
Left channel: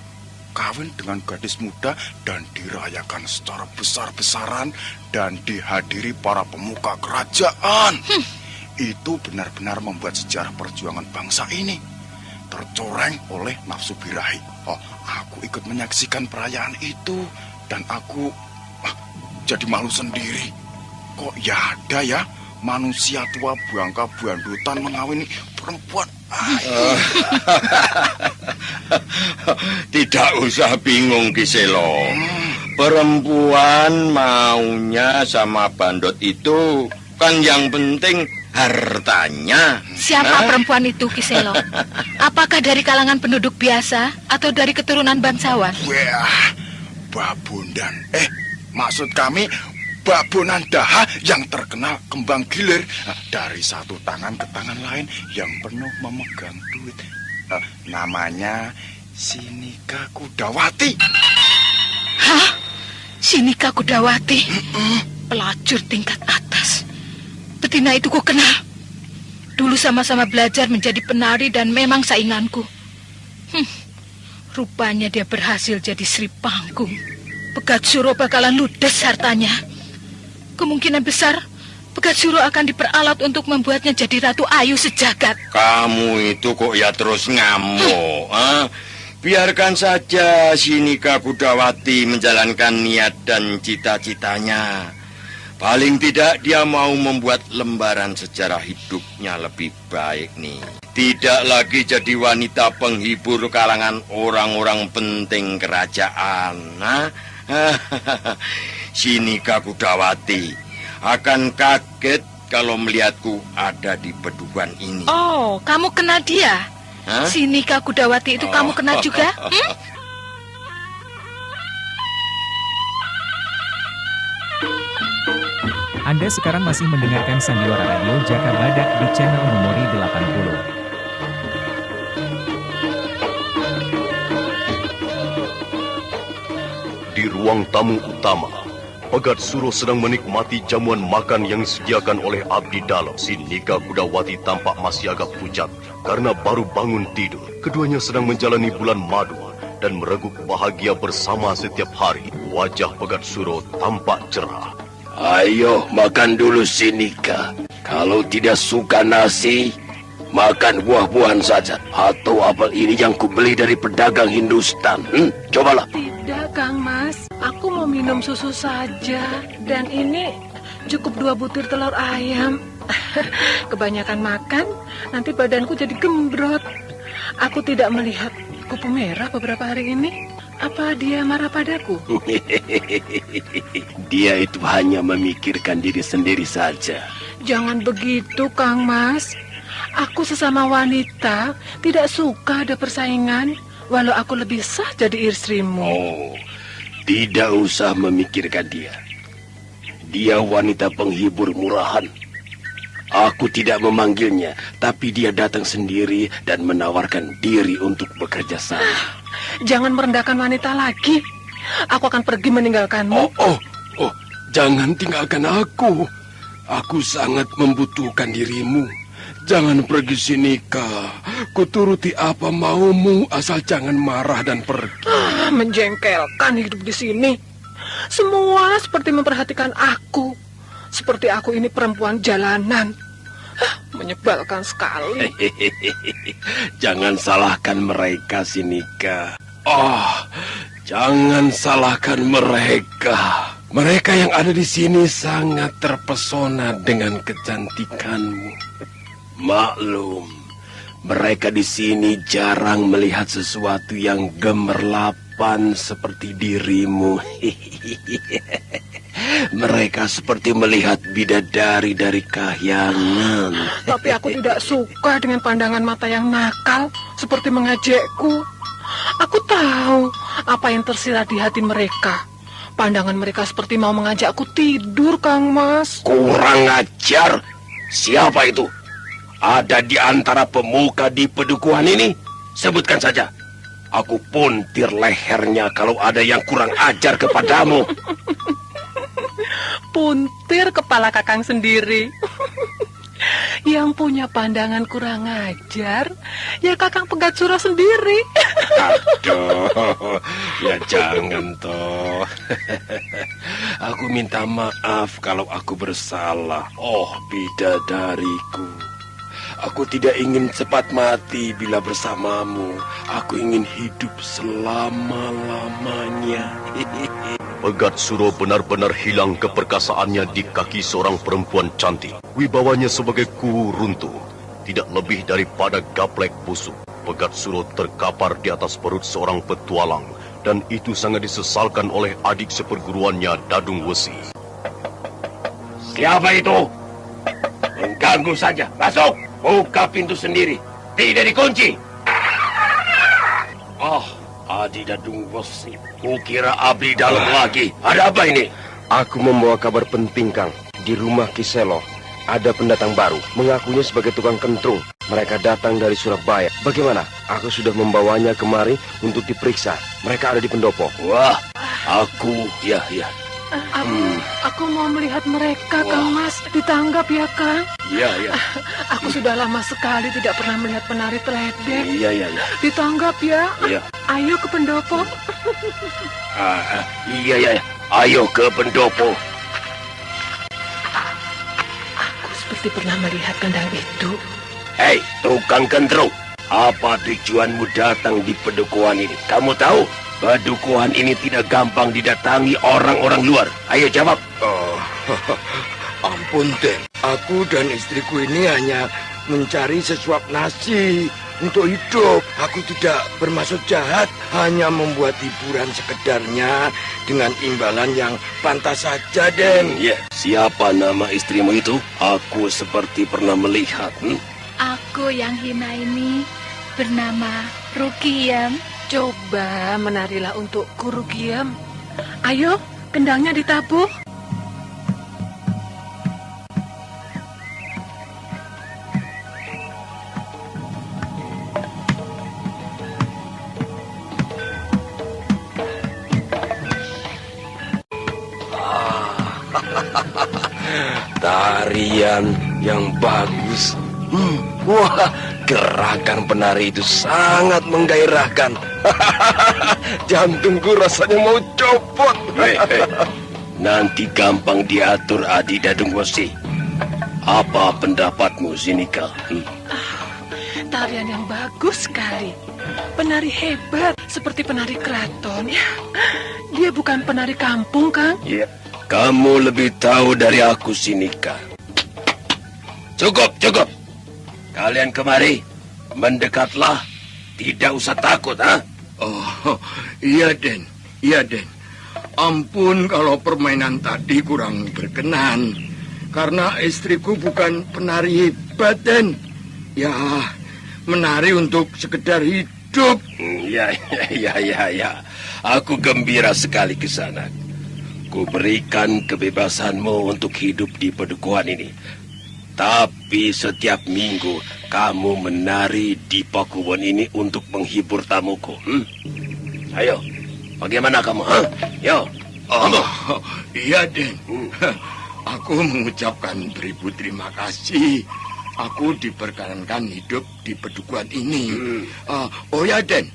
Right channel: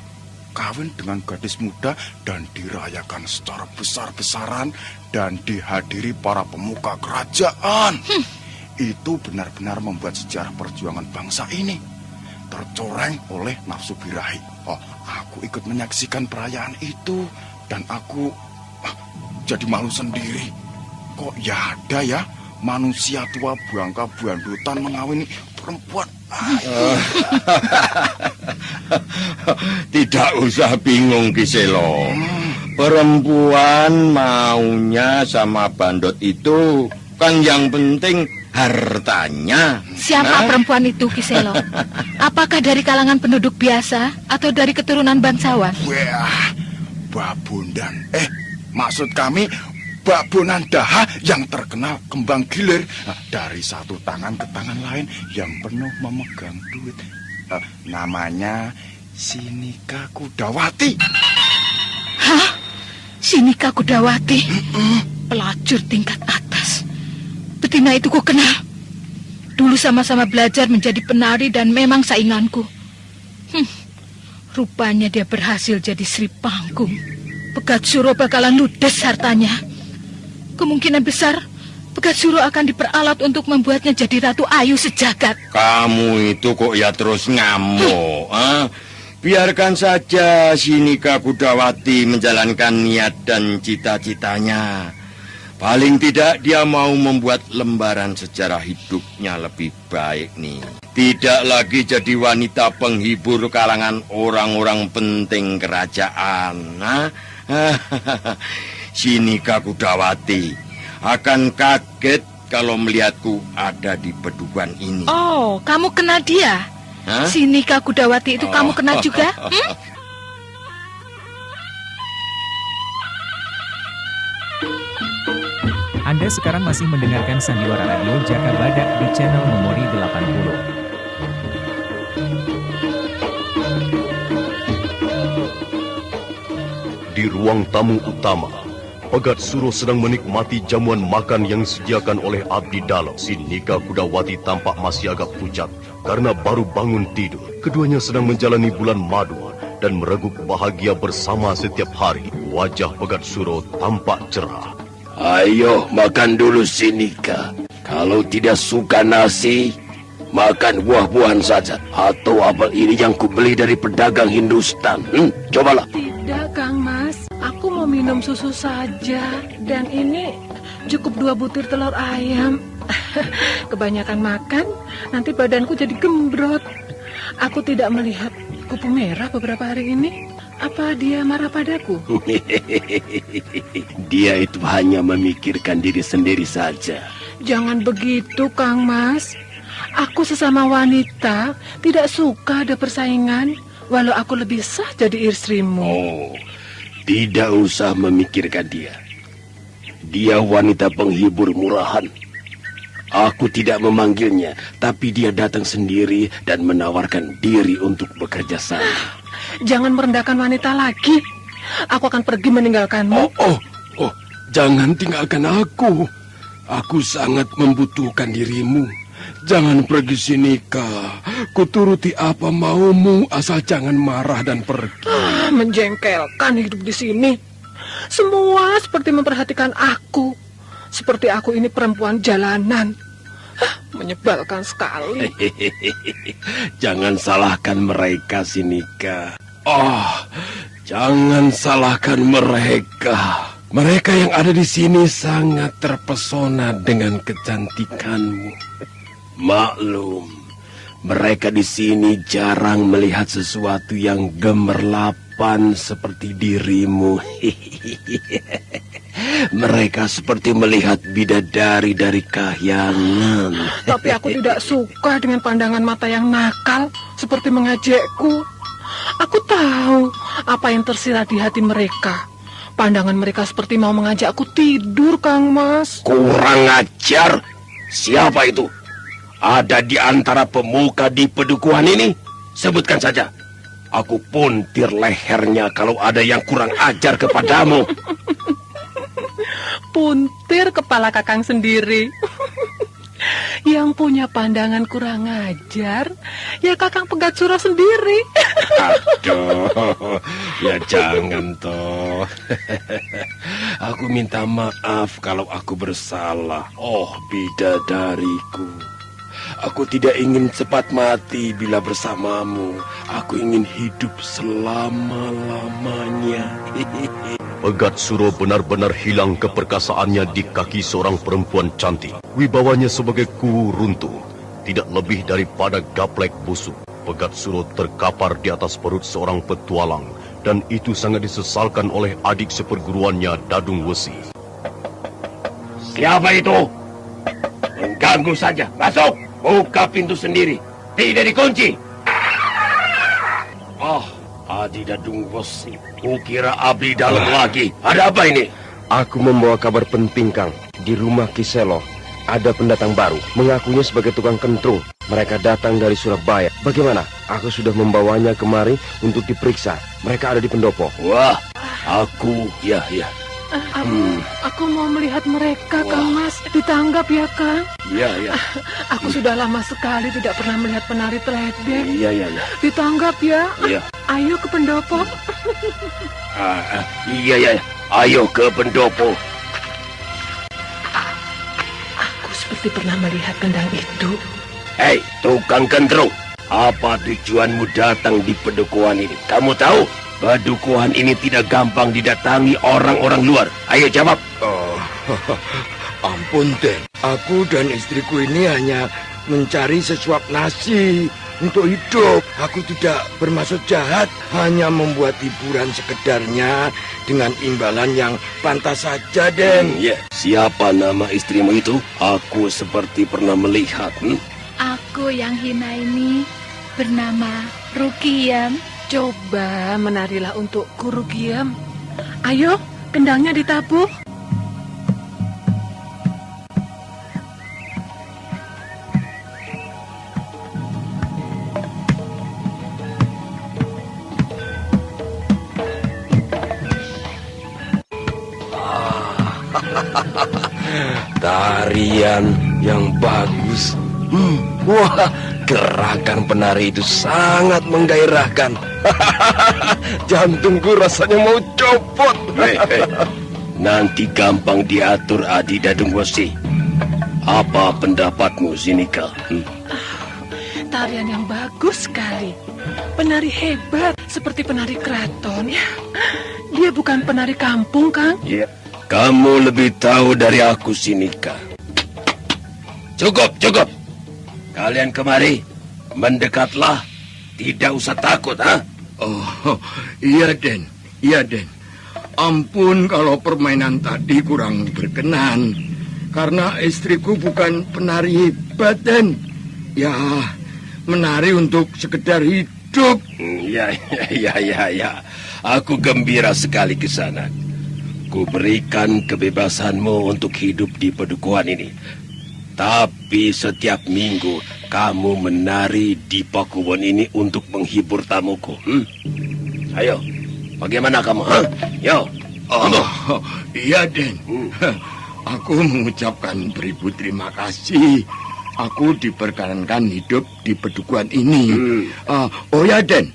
kawin dengan gadis muda dan dirayakan secara besar-besaran dan dihadiri para pemuka kerajaan. Itu benar-benar membuat sejarah perjuangan bangsa ini tercoreng oleh nafsu birahi. Aku ikut menyaksikan perayaan itu dan aku jadi malu sendiri. Kok ya ada ya manusia tua bangka bandutan mengawini perempuan? Tidak usah bingung, Kiselo. Perempuan maunya sama bandot itu kan yang penting hartanya. Siapa perempuan itu, Kiselo? Apakah dari kalangan penduduk biasa atau dari keturunan bangsawan? Wah, Babondan. Maksud kami Babonan Daha yang terkenal kembang gilir. Dari satu tangan ke tangan lain yang penuh memegang duit. Namanya Sinika Kudawati. Hah? Sinika Kudawati? Pelacur tingkat atas. Betina itu ku kenal. Dulu sama-sama belajar menjadi penari dan memang sainganku. Rupanya dia berhasil jadi Sri Panggung. Pegat Suro bakalan ludes hartanya. Kemungkinan besar Pegat Suro akan diperalat untuk membuatnya jadi Ratu Ayu sejagat. Kamu itu kok ya terus ngamuk, Biarkan saja Sinika Kudawati menjalankan niat dan cita-citanya. Paling tidak dia mau membuat lembaran sejarah hidupnya lebih baik nih. Tidak lagi jadi wanita penghibur kalangan orang-orang penting kerajaan. Sinika Kudawati akan kaget kalau melihatku ada di beduan ini. Oh, kamu kenal dia? Sinika Kudawati itu kamu kenal juga? Anda sekarang masih mendengarkan Sandiwara Radio Jaka Badak di channel Memori 80. Di ruang tamu utama, Pegat Suro sedang menikmati jamuan makan yang disediakan oleh abdi dalam. Sinika Kudawati tampak masih agak pucat karena baru bangun tidur. Keduanya sedang menjalani bulan madu dan mereguk bahagia bersama setiap hari. Wajah Pegat Suro tampak cerah. Ayo makan dulu, Sinika. Kalau tidak suka nasi, makan buah-buahan saja. Atau apel ini yang kubeli dari pedagang Hindustan. Cobalah. Tidak, Kang Mas. Aku mau minum susu saja. Dan ini cukup 2 butir telur ayam. Kebanyakan makan, nanti badanku jadi gembrot. Aku tidak melihat kupu merah beberapa hari ini. Apa dia marah padaku? Dia itu hanya memikirkan diri sendiri saja. Jangan begitu, Kang Mas. Aku sesama wanita tidak suka ada persaingan, walau aku lebih sah jadi istrimu. Oh, tidak usah memikirkan dia. Dia wanita penghibur murahan. Aku tidak memanggilnya, tapi dia datang sendiri dan menawarkan diri untuk bekerja sama. Jangan merendahkan wanita lagi. Aku akan pergi meninggalkanmu. Oh, jangan tinggalkan aku. Aku sangat membutuhkan dirimu. Jangan pergi, Sinika. Kuturuti apa maumu, asal jangan marah dan pergi. Menjengkelkan hidup di sini. Semua seperti memperhatikan aku. Seperti aku ini perempuan jalanan. Menyebalkan sekali. Jangan salahkan mereka, Sinika. Jangan salahkan mereka. Mereka yang ada di sini sangat terpesona dengan kecantikanmu. Maklum, mereka di sini jarang melihat sesuatu yang gemerlapan seperti dirimu. Mereka seperti melihat bidadari dari kahyangan. Tapi aku tidak suka dengan pandangan mata yang nakal seperti mengejekku. Aku tahu apa yang tersirat di hati mereka. Pandangan mereka seperti mau mengajakku tidur, Kang Mas. Kurang ajar. Siapa itu? Ada di antara pemuka di pedukuhan ini? Sebutkan saja. Aku puntir lehernya kalau ada yang kurang ajar kepadamu. Puntir kepala Kakang sendiri. Yang punya pandangan kurang ajar, ya Kakang Pegatsura sendiri. Aduh, ya jangan toh. Aku minta maaf kalau aku bersalah. Oh, bidadariku. Aku tidak ingin cepat mati bila bersamamu. Aku ingin hidup selama-lamanya. Pegatsura benar-benar hilang keperkasaannya di kaki seorang perempuan cantik. Wibawanya sebagai kuwu runtuh, tidak lebih daripada gaplek busuk. Pegatsura terkapar di atas perut seorang petualang, dan itu sangat disesalkan oleh adik seperguruannya, Dadung Wesi. Siapa itu? Mengganggu saja. Masuk! Buka pintu sendiri. Tidak dikunci. Adi Dadung Wesi. Kukira abdi dalam lagi. Ada apa ini? Aku membawa kabar penting, Kang. Di rumah Kiselo ada pendatang baru, mengakunya sebagai tukang kentrung. Mereka datang dari Surabaya. Bagaimana? Aku sudah membawanya kemari untuk diperiksa. Mereka ada di pendopo. Wah, ya. Aku mau melihat mereka, Kang Mas. Ditanggap ya, Kang? Iya. Aku sudah lama sekali tidak pernah melihat penari teledek. Iya. Ditanggap ya? Iya. Ayo ke pendopo. Iya. Ayo ke pendopo. Aku seperti pernah melihat kendang itu. Hei, tukang kentrung. Apa tujuanmu datang di pedukuhan ini? Kamu tahu? Pedukuhan ini tidak gampang didatangi orang-orang luar. Ayo jawab. Ampun, Den. Aku dan istriku ini hanya mencari sesuap nasi untuk hidup. Aku tidak bermaksud jahat, hanya membuat hiburan sekedarnya dengan imbalan yang pantas saja, Den. Ya, siapa nama istrimu itu? Aku seperti pernah melihat. Aku yang hina ini bernama Rukiam. Coba menarilah untukku, Rukiam. Ayo, kendangnya ditabuh. Tarian yang bagus. Wah, gerakan penari itu sangat menggairahkan. Jantungku rasanya mau copot. Nanti gampang diatur, Adi Dadung Wesi. Apa pendapatmu, Sinika? Tarian yang bagus sekali. Penari hebat, seperti penari keraton. Dia bukan penari kampung, Kang. Ya, kamu lebih tahu dari aku, Sinika. Cukup. Kalian kemari, mendekatlah. Tidak usah takut, ha? Oh, iya, Den. Ampun kalau permainan tadi kurang berkenan. Karena istriku bukan penari hebat, Den. Ya, menari untuk sekedar hidup. Ya. Aku gembira sekali ke sana. Ku berikan kebebasanmu untuk hidup di pedukuhan ini. Tapi setiap minggu kamu menari di pakuwon ini untuk menghibur tamuku. Ayo, bagaimana kamu? Yo. Iya, Den. Aku mengucapkan beribu terima kasih. Aku diperkenankan hidup di pedukuhan ini. Oh ya, Den.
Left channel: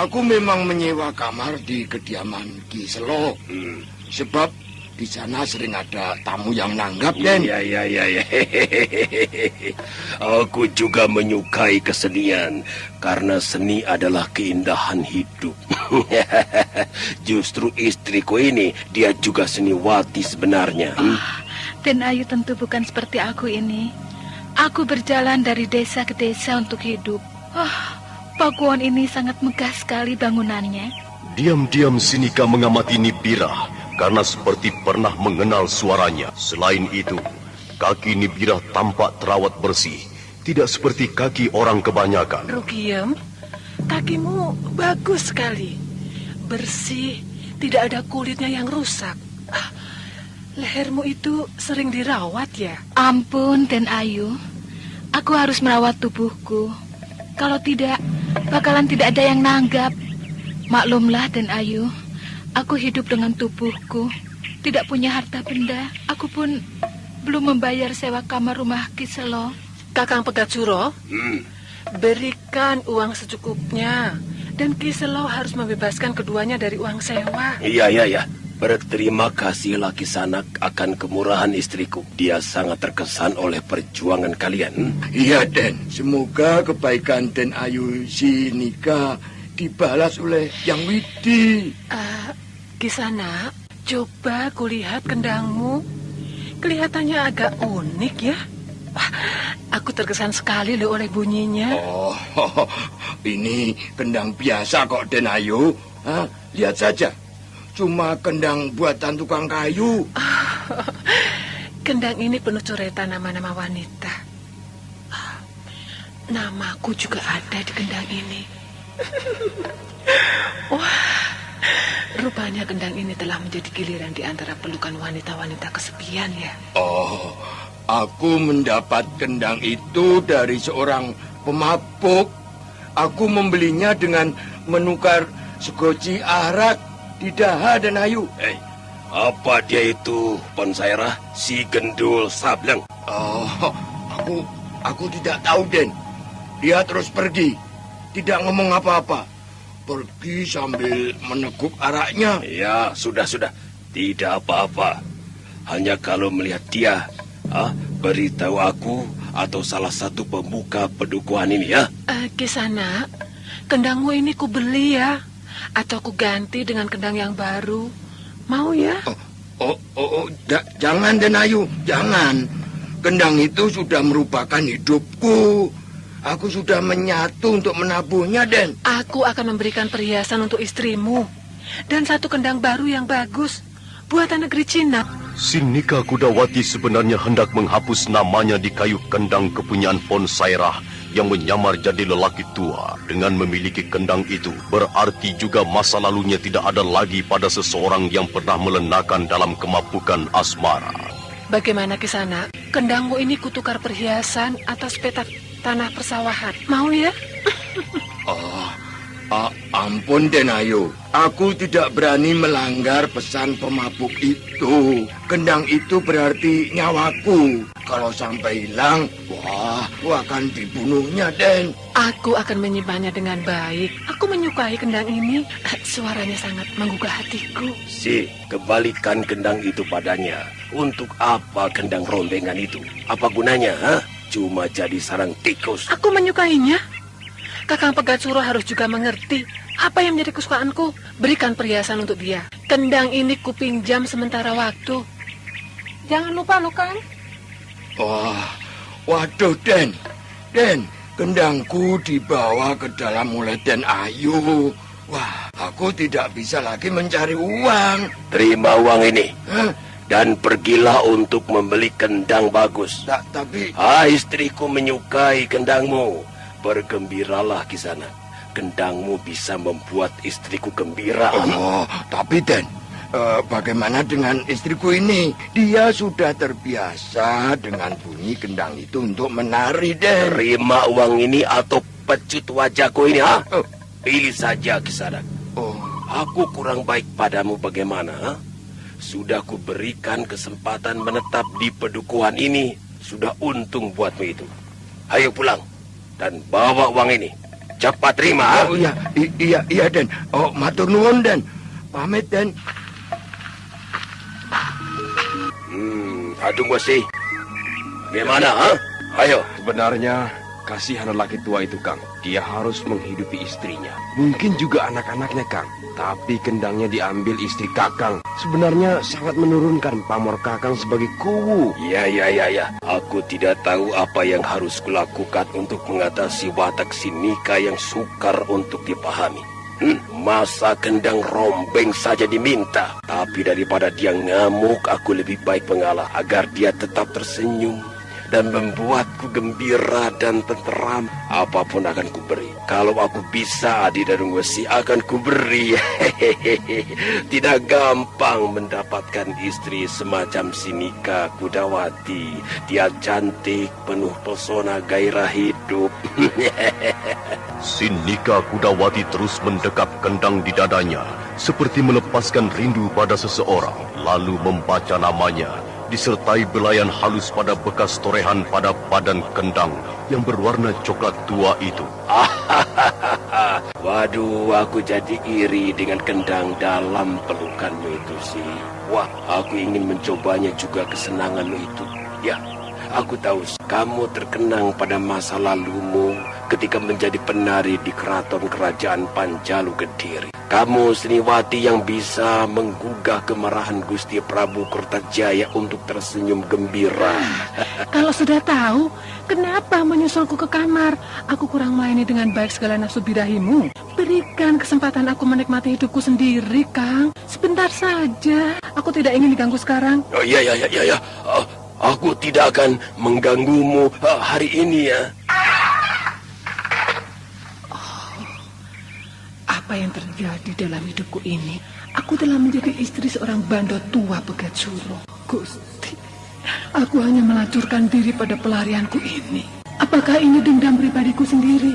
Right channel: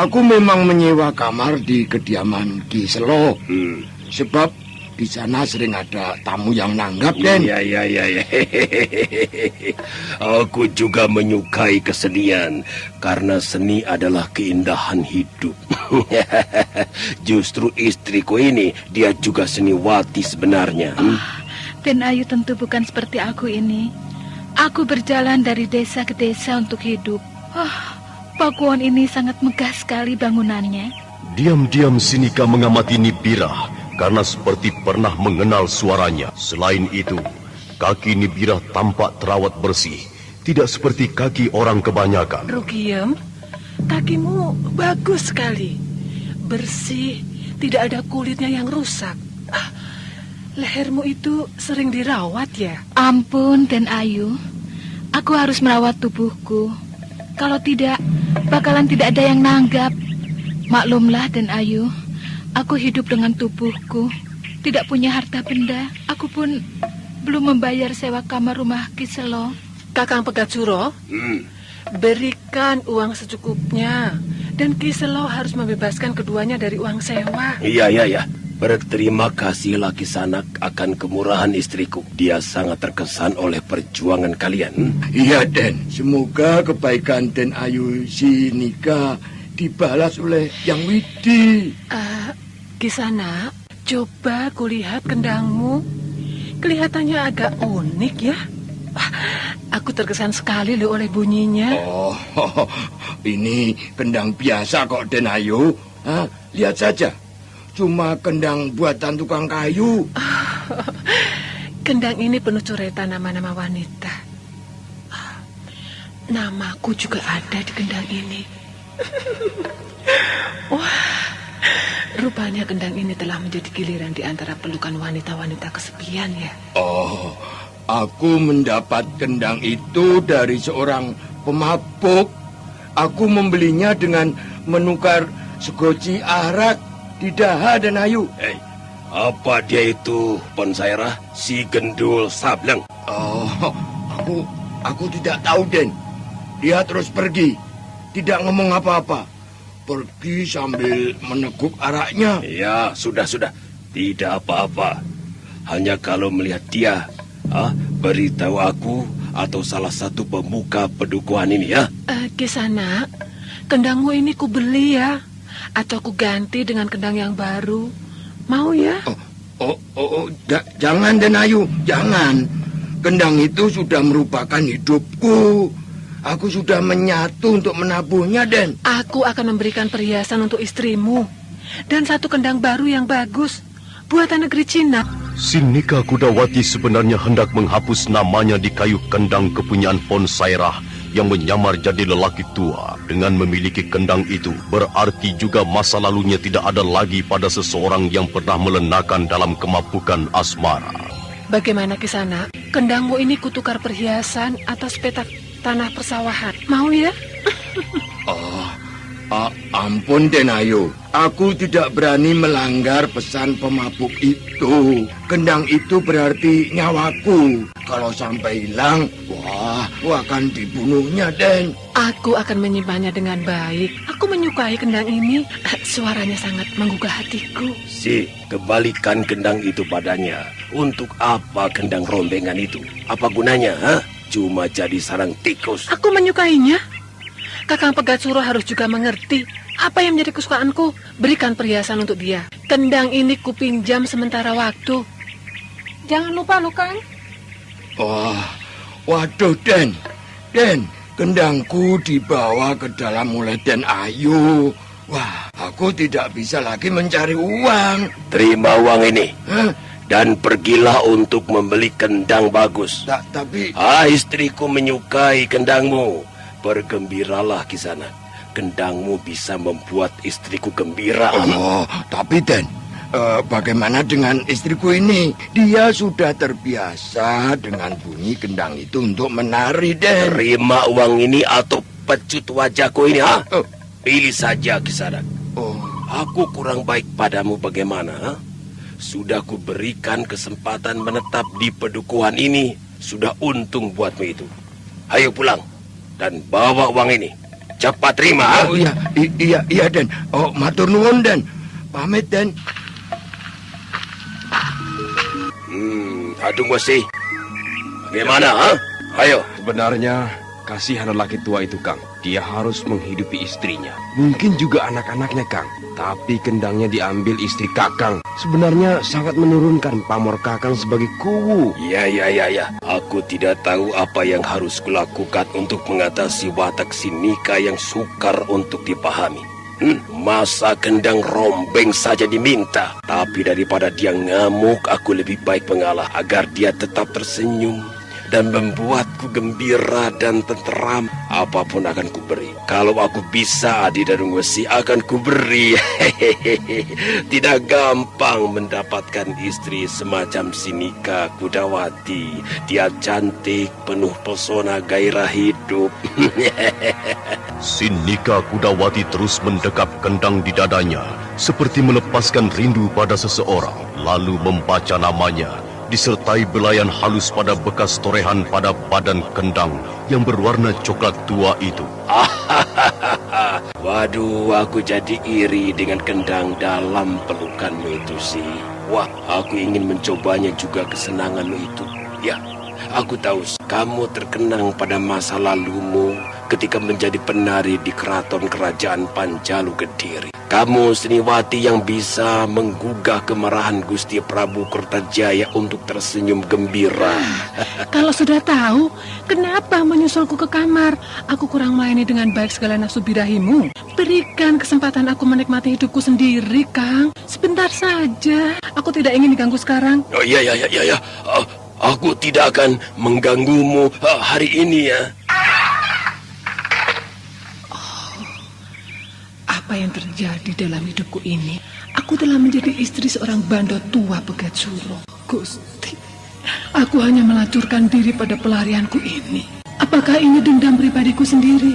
Aku memang menyewa kamar di kediaman Ki Selo. Sebab di sana sering ada tamu yang nanggap, Den. Iya. Aku juga menyukai kesenian karena seni adalah keindahan hidup. Justru istriku ini, dia juga seniwati sebenarnya. Den Ayu tentu bukan seperti aku ini. Aku berjalan dari desa ke desa untuk hidup. Pakuan ini sangat megah sekali bangunannya. Diam-diam Sinika mengamati Nibira karena seperti pernah mengenal suaranya. Selain itu, kaki Nibira tampak terawat bersih, tidak seperti kaki orang kebanyakan. Rugiem, kakimu bagus sekali. Bersih, tidak ada kulitnya yang rusak. Lehermu itu sering dirawat ya? Ampun, Den Ayu. Aku harus merawat tubuhku. Kalau tidak, bakalan tidak ada yang nanggap. Maklumlah, Den Ayu. Aku hidup dengan tubuhku. Tidak punya harta benda. Aku pun belum membayar sewa kamar rumah Kiselo. Kakang Pegatsuro, berikan uang secukupnya. Dan Kiselo harus membebaskan keduanya dari uang sewa. Iya. Berterima kasihlah Kisanak akan kemurahan istriku. Dia sangat terkesan oleh perjuangan kalian. Iya, Den. Semoga kebaikan Den Ayu Sinika dibalas oleh Yang Widi. Kisanak, coba kulihat kendangmu. Kelihatannya agak unik ya. Aku terkesan sekali loh oleh bunyinya. Ini kendang biasa kok, Den Ayu. Lihat saja. Cuma kendang buatan tukang kayu. Kendang ini penuh coretan nama-nama wanita. Namaku juga ada di kendang ini. Wah, rupanya kendang ini telah menjadi giliran di antara pelukan wanita-wanita kesepian ya. Aku mendapat kendang itu dari seorang pemabuk. Aku membelinya dengan menukar segoci arak. Tidak, Den Ayu. Apa dia itu, Ponsaira? Si gendul sableng. Aku tidak tahu, Den. Dia terus pergi. Tidak ngomong apa-apa. Pergi sambil meneguk araknya. Ya, sudah. Tidak apa-apa. Hanya kalau melihat dia, beritahu aku atau salah satu pemuka pedukuhan ini ya. Kisanak, kendangmu ini ku beli ya. Atau ku ganti dengan kendang yang baru. Mau ya? Jangan, Den Ayu, jangan. Kendang itu sudah merupakan hidupku. Aku sudah menyatu untuk menabuhnya, Den. Aku akan memberikan perhiasan untuk istrimu. Dan satu kendang baru yang bagus. Buatan negeri Cina. Sinika Kudawati sebenarnya hendak menghapus namanya di kayu kendang kepunyaan Ponsairah yang menyamar jadi lelaki tua. Dengan memiliki kendang itu, berarti juga masa lalunya tidak ada lagi pada seseorang yang pernah melenakan dalam kemabukan asmara. Bagaimana Kisanak? Kendangmu ini kutukar perhiasan atas petak tanah persawahan. Mau ya? Ampun, Den Ayu. Aku tidak berani melanggar pesan pemabuk itu. Kendang itu berarti nyawaku. Kalau sampai hilang, akan dibunuhnya, Den. Aku akan menyimpannya dengan baik. Aku menyukai kendang ini. Suaranya sangat menggugah hatiku. Kembalikan kendang itu padanya. Untuk apa kendang rombengan itu? Apa gunanya, Cuma jadi sarang tikus. Aku menyukainya. Kakang Pegatsuro harus juga mengerti apa yang menjadi kesukaanku. Berikan perhiasan untuk dia. Kendang ini kupinjam sementara waktu. Jangan lupa loh, Kang. Waduh, Den. Den, kendangku dibawa ke dalam oleh Den Ayu. Aku tidak bisa lagi mencari uang. Terima uang ini. Dan pergilah untuk membeli kendang bagus. Tapi... istriku menyukai kendangmu. Bergembiralah Kisanak. Kendangmu bisa membuat istriku gembira. Tapi Den, bagaimana dengan istriku ini? Dia sudah terbiasa dengan bunyi kendang itu untuk menari, Den. Terima uang ini atau pecut wajahku ini, Pilih saja, Kisanak. Aku kurang baik padamu bagaimana, Sudah kuberikan kesempatan menetap di pedukuhan ini. Sudah untung buatmu itu. Ayo pulang dan bawa uang ini. Cepat terima. Iya, Den. Matur nuwun, Den. Pamit, Den. Dadung Wesi, bagaimana, ha? Ayo. Sebenarnya, kasihan lelaki tua itu, Kang. Dia harus menghidupi istrinya. Mungkin juga anak-anaknya, Kang. Tapi kendangnya diambil istri Kakang. Sebenarnya sangat menurunkan pamor Kakang sebagai kuwu. Ya. Aku tidak tahu apa yang harus kulakukan untuk mengatasi watak si Nika yang sukar untuk dipahami. Masa kendang rombeng saja diminta. Tapi daripada dia ngamuk, aku lebih baik mengalah agar dia tetap tersenyum dan membuatku gembira dan tenteram. Apapun akan kuberi. Kalau aku bisa, Adi Dadung Wesi, akan kuberi. Tidak gampang mendapatkan istri semacam si Nika Kudawati. Dia cantik, penuh pesona, gairah hidup. Si Nika Kudawati terus mendekap kendang di dadanya, seperti melepaskan rindu pada seseorang, lalu membaca namanya, disertai belayan halus pada bekas torehan pada badan kendang yang berwarna coklat tua itu. Waduh, aku jadi iri dengan kendang dalam pelukanmu itu sih. Wah, aku ingin mencobanya juga kesenanganmu itu. Ya, aku tahu kamu terkenang pada masa lalumu ketika menjadi penari di keraton kerajaan Panjalu Kediri. Kamu seniwati yang bisa menggugah kemarahan Gusti Prabu Kertajaya untuk tersenyum gembira. Kalau sudah tahu, kenapa menyusulku ke kamar? Aku kurang melayani dengan baik segala nafsu birahimu. Berikan kesempatan aku menikmati hidupku sendiri, Kang. Sebentar saja. Aku tidak ingin diganggu sekarang. Oh iya. Aku tidak akan mengganggumu hari ini ya. Apa yang terjadi dalam hidupku ini? Aku telah menjadi istri seorang bandot tua Pegat Suro. Gusti, aku hanya melacurkan diri pada pelarianku ini. Apakah ini dendam pribadiku sendiri?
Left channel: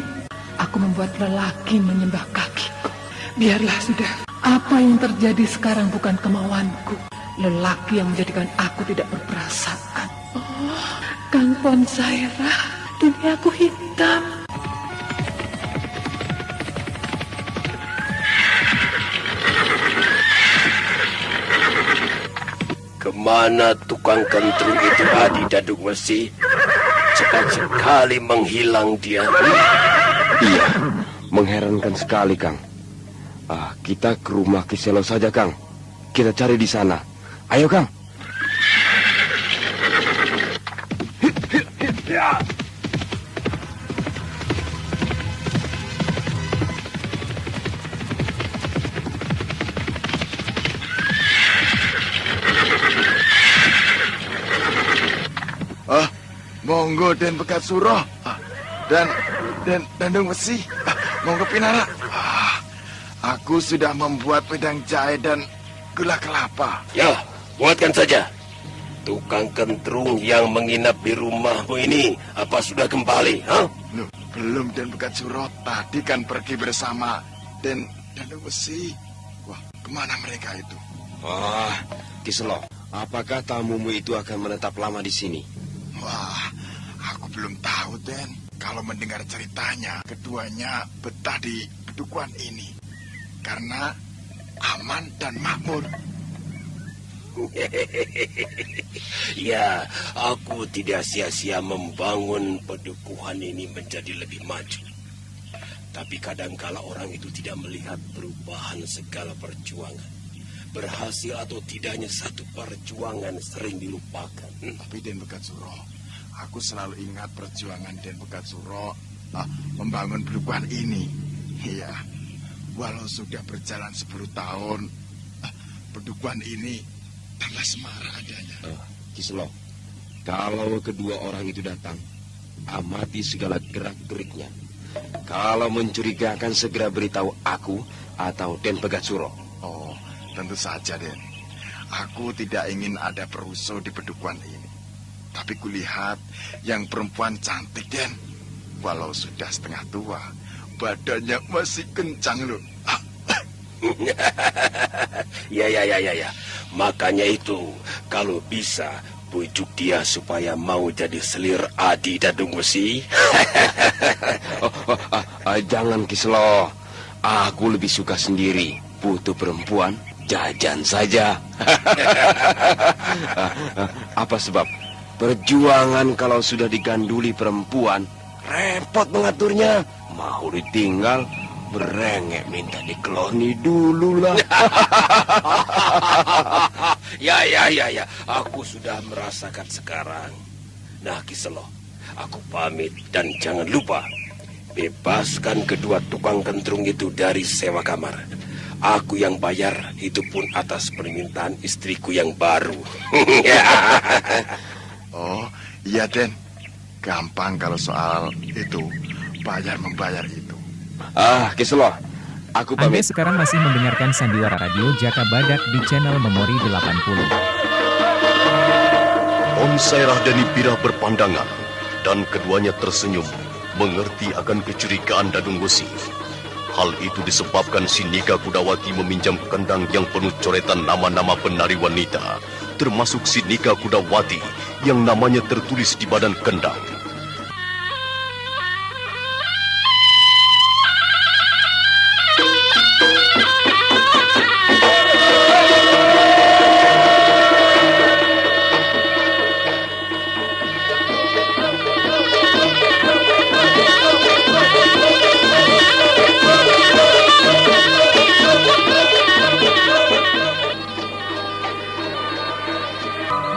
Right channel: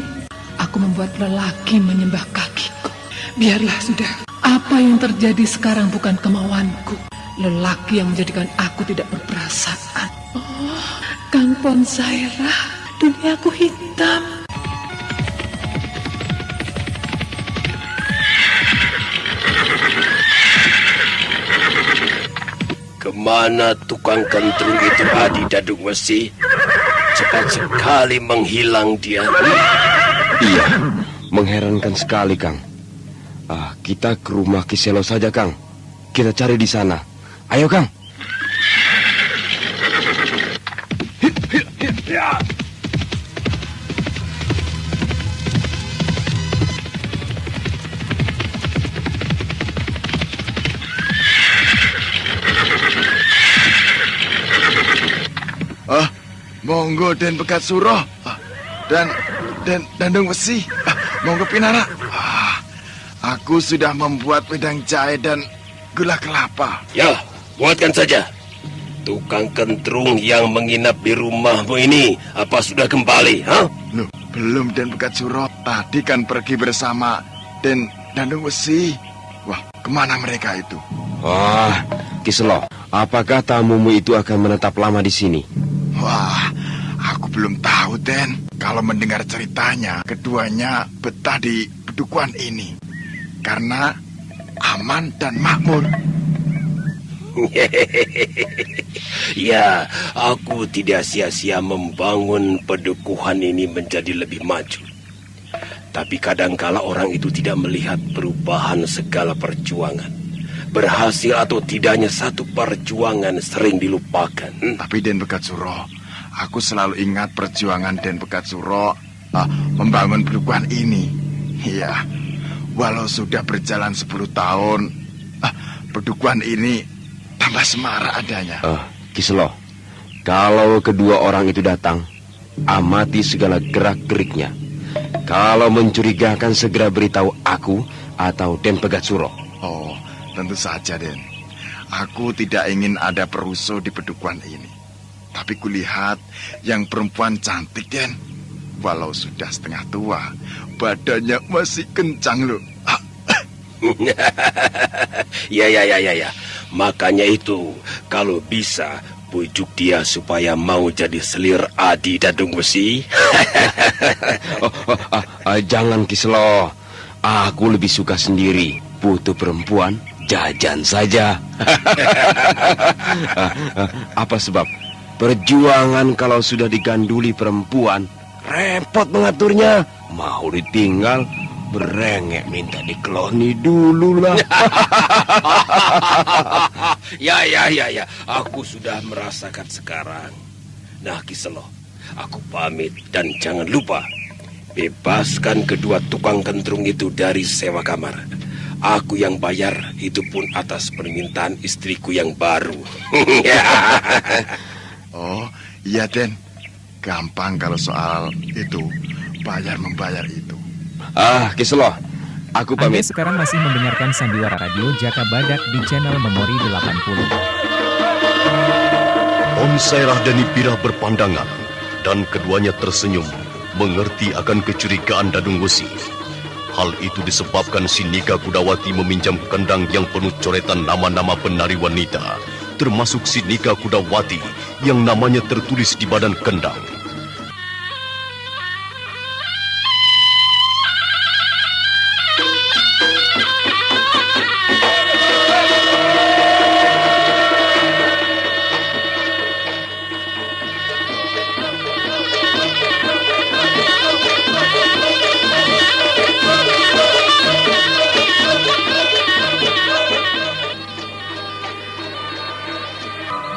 Aku membuat lelaki menyembah kakiku. Biarlah sudah. Apa yang terjadi sekarang bukan kemauanku. Lelaki yang menjadikan aku tidak berperasaan. Oh, Kang Ponsaira, duniaku hitam. Kemana tukang kentrung itu, Adi Dadung Wesi? Cepat sekali menghilang dia. Iya, mengherankan sekali, Kang. Kita ke rumah Kiselo saja, Kang. Kita cari di sana. Ayo, Kang. Monggo Den Pegat Suro dan Dadung Wesi. Monggo pinara. Aku sudah membuat wedang jahe dan gula kelapa. Ya, buatkan saja. Tukang kentrung yang menginap di rumahmu ini, apa sudah kembali? Loh, belum Den Pegat Suro. Tadi kan pergi bersama Den Dadung Wesi. Wah, kemana mereka itu? Wah, Kiselo, apakah tamumu itu akan menetap lama di sini? Wah, aku belum tahu, Den. Kalau mendengar ceritanya, keduanya betah di pedukuhan ini karena aman dan makmur. Ya, aku tidak sia-sia membangun pedukuhan ini menjadi lebih maju. Tapi kadangkala orang itu tidak melihat perubahan segala perjuangan. Berhasil atau tidaknya satu perjuangan sering dilupakan. Tapi Den Pegat Suro, aku selalu ingat perjuangan Den Pegat Suro membangun pedukuhan ini. Iya, walau sudah berjalan 10 tahun, pedukuhan ini tambah semarak adanya. Kiselo, kalau kedua orang itu datang, amati segala gerak-geriknya. Kalau mencurigakan, segera beritahu aku atau Den Pegat Suro. Oh, tentu saja, Den. Aku tidak ingin ada perusuh di pedukuhan ini. Tapi kulihat yang perempuan cantik, Den. Walau sudah setengah tua, badannya masih kencang loh. Ya. Makanya itu, kalau bisa, bujuk dia supaya mau jadi selir Adi Dadung Wesi. Jangan, Kiselo. Aku lebih suka sendiri. Butuh perempuan, jajan saja. Apa sebab? Perjuangan kalau sudah diganduli perempuan, repot mengaturnya. Mau ditinggal, berengek minta dikeloni dulu lah. Ya, aku sudah merasakan sekarang. Nah, Kiselo, aku pamit dan jangan lupa bebaskan kedua tukang kentrung itu dari sewa kamar. Aku yang bayar, itu pun atas permintaan istriku yang baru. Oh, iya Den. Gampang kalau soal itu, bayar-membayar itu. Kiselo, aku Anda pamit. sekarang masih mendengarkan Sandiwara Radio Jaka Badak di channel Memori 80. Sairah dan Nibirah berpandangan, dan keduanya tersenyum, mengerti akan kecurigaan Dadung Wesi. Hal itu disebabkan si Nika Kudawati meminjam kendang yang penuh coretan nama-nama penari wanita, termasuk si Nika Kudawati yang namanya tertulis di badan kendang.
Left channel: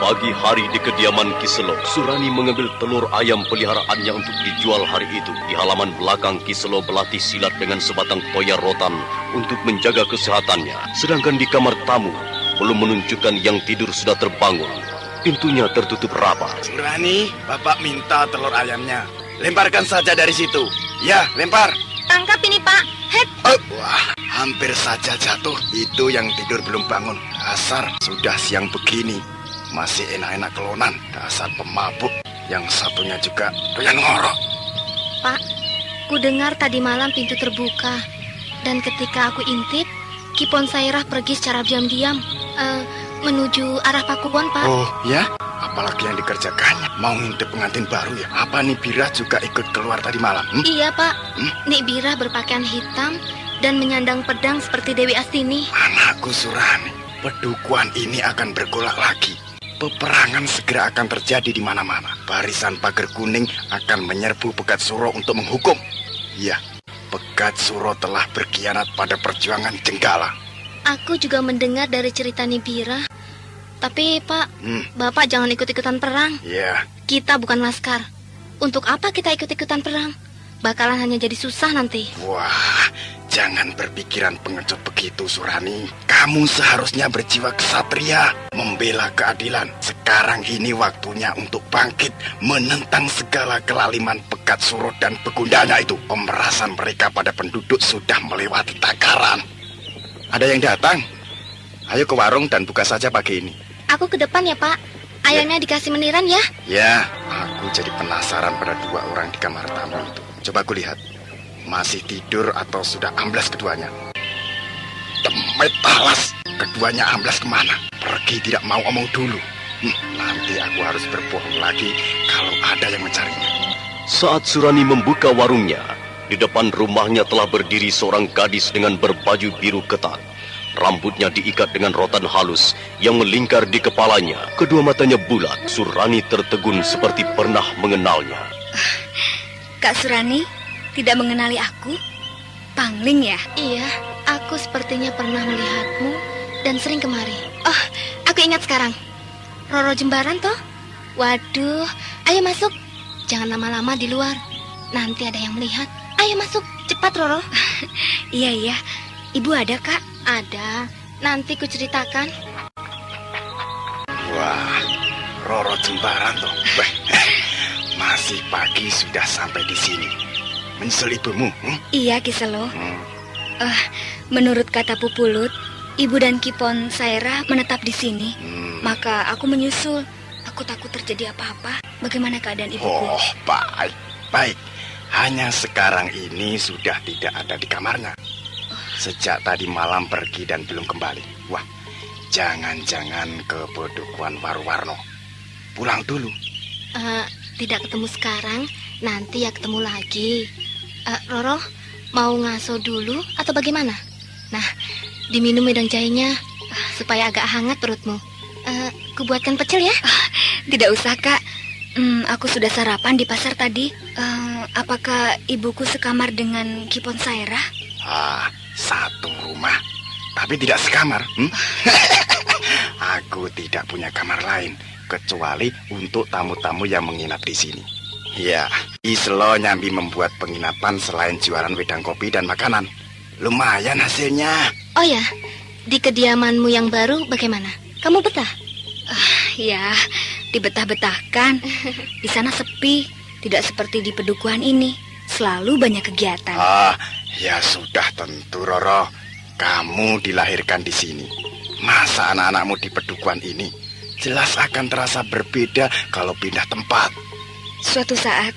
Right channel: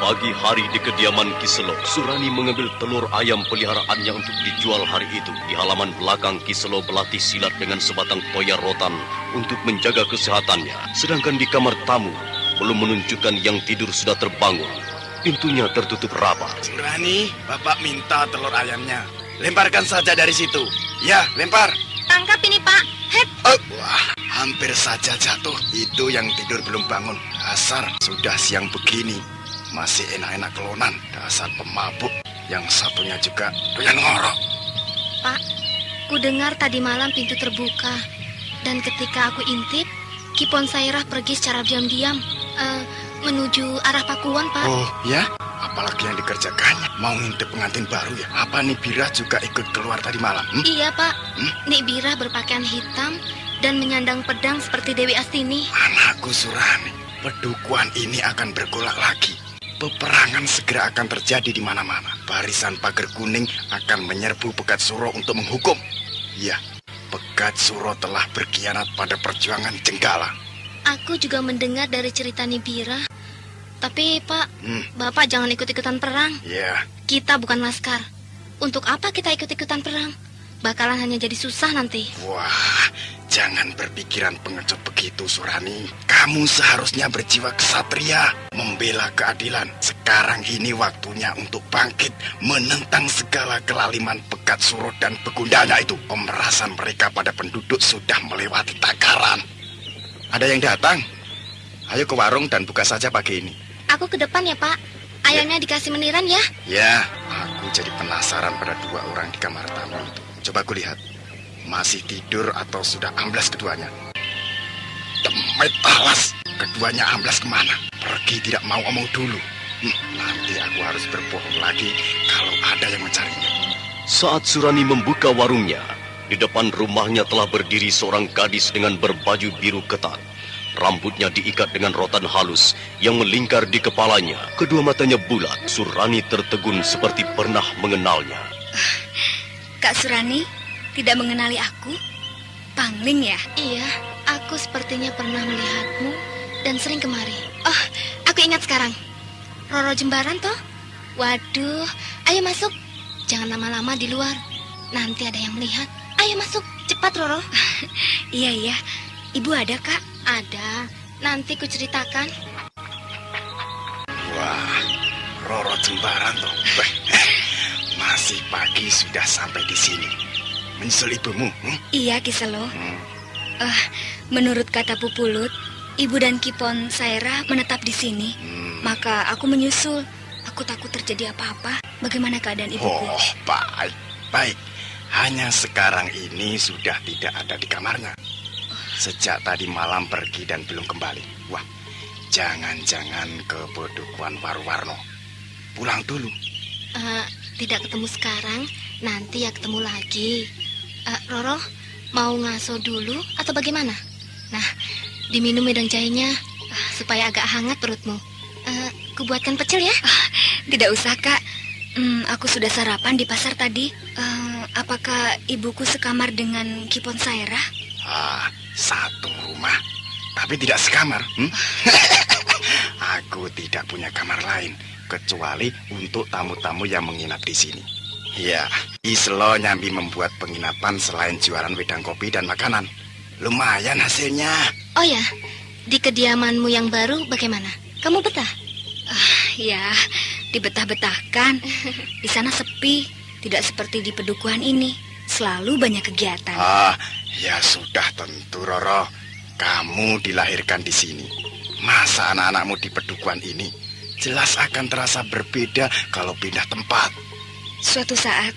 Pagi hari di kediaman Kiselo, Surani mengambil telur ayam peliharaannya untuk dijual hari itu. Di halaman belakang, Kiselo berlatih silat dengan sebatang koya rotan untuk menjaga kesehatannya. Sedangkan di kamar tamu, belum menunjukkan yang tidur sudah terbangun. Pintunya tertutup rapat. Surani, Bapak minta telur ayamnya. Lemparkan saja dari situ. Ya, lempar. Tangkap ini, Pak. Het. Wah, hampir saja jatuh. Itu yang tidur belum bangun. Dasar, sudah siang begini. Masih enak-enak kelonan. Dasar pemabuk. Yang satunya juga pengen ngorok. Pak, ku dengar tadi malam pintu terbuka. Dan ketika aku intip, Kipon Sairah pergi secara diam-diam menuju arah Pakuwon, Pak. Oh, ya? Apalagi yang dikerjakannya. Mau ngintip pengantin baru ya? Apa Nibirah juga ikut keluar tadi malam? Iya, Pak. Nibirah berpakaian hitam dan menyandang pedang seperti Dewi Astini. Anakku Surani, pedukuhan ini akan bergolak lagi. Peperangan segera akan terjadi di mana-mana. Barisan pagar kuning akan menyerbu Pegat Suro untuk menghukum. Iya, Pegat Suro telah berkhianat pada perjuangan Jenggala. Aku juga mendengar dari cerita Nibirah. Tapi, Pak, Bapak jangan ikut-ikutan perang. Iya. Kita bukan laskar. Untuk apa kita ikut-ikutan perang? Bakalan hanya jadi susah nanti. Wah, jangan berpikiran pengecut begitu, Surani. Kamu seharusnya berjiwa kesatria, membela keadilan. Sekarang ini waktunya untuk bangkit, menentang segala kelaliman Pegat Suro dan begundanya itu. Pemerasan mereka pada penduduk sudah melewati takaran. Ada yang datang? Ayo ke warung dan buka saja pagi ini. Aku ke depan ya, Pak. Ayamnya dikasih meniran ya? Ya, aku jadi penasaran pada dua orang di kamar tamu itu. Coba aku lihat. Masih tidur atau sudah amblas keduanya? Tempat alas, keduanya amblas kemana? Pergi tidak mau omong dulu. Nanti aku harus berbohong lagi kalau ada yang mencarinya. Saat Surani membuka warungnya, di depan rumahnya telah berdiri seorang gadis dengan berbaju biru ketat. Rambutnya diikat dengan rotan halus yang melingkar di kepalanya. Kedua matanya bulat. Surani tertegun seperti pernah mengenalnya. Kak Surani, tidak mengenali aku? Pangling ya? Iya, aku sepertinya pernah melihatmu dan sering kemari. Oh, aku ingat sekarang. Roro Jembaran toh? Waduh, ayo masuk. Jangan lama-lama di luar. Nanti ada yang melihat. Ayo masuk, cepat Roro. Iya. Ibu ada, Kak? Ada. Nanti ku ceritakan. Wah, Roro Jembaran loh. Masih pagi sudah sampai di sini. Menyusul ibumu? Iya, Kiselo. Menurut kata Pupulut, Ibu dan Kipon Sairah menetap di sini. Maka aku menyusul. Aku takut terjadi apa-apa. Bagaimana keadaan ibu? Oh, baik. Hanya sekarang ini sudah tidak ada di kamarnya. Sejak tadi malam pergi dan belum kembali. Wah, jangan-jangan ke Bodokuan Warwarno. Pulang dulu. Tidak ketemu sekarang, nanti ya ketemu lagi. Roro, mau ngaso dulu atau bagaimana? Nah, diminum dan jahenya. Supaya agak hangat perutmu. Kubuatkan pecel ya? Tidak usah, Kak. Aku sudah sarapan di pasar tadi. Apakah ibuku sekamar dengan Ki Ponsairah? Satu rumah, tapi tidak sekamar. Aku tidak punya kamar lain kecuali untuk tamu-tamu yang menginap di sini. Ya, Islo nyambi membuat penginapan selain jualan wedang kopi dan makanan. Lumayan hasilnya. Oh ya, di kediamanmu yang baru bagaimana? Kamu betah? Ya, dibetah-betahkan. Di sana sepi, tidak seperti di pedukuhan ini. Selalu banyak kegiatan. Ya sudah tentu, Roro. Kamu dilahirkan di sini. Masa anak-anakmu di pedukuhan ini? Jelas akan terasa berbeda kalau pindah tempat. Suatu saat,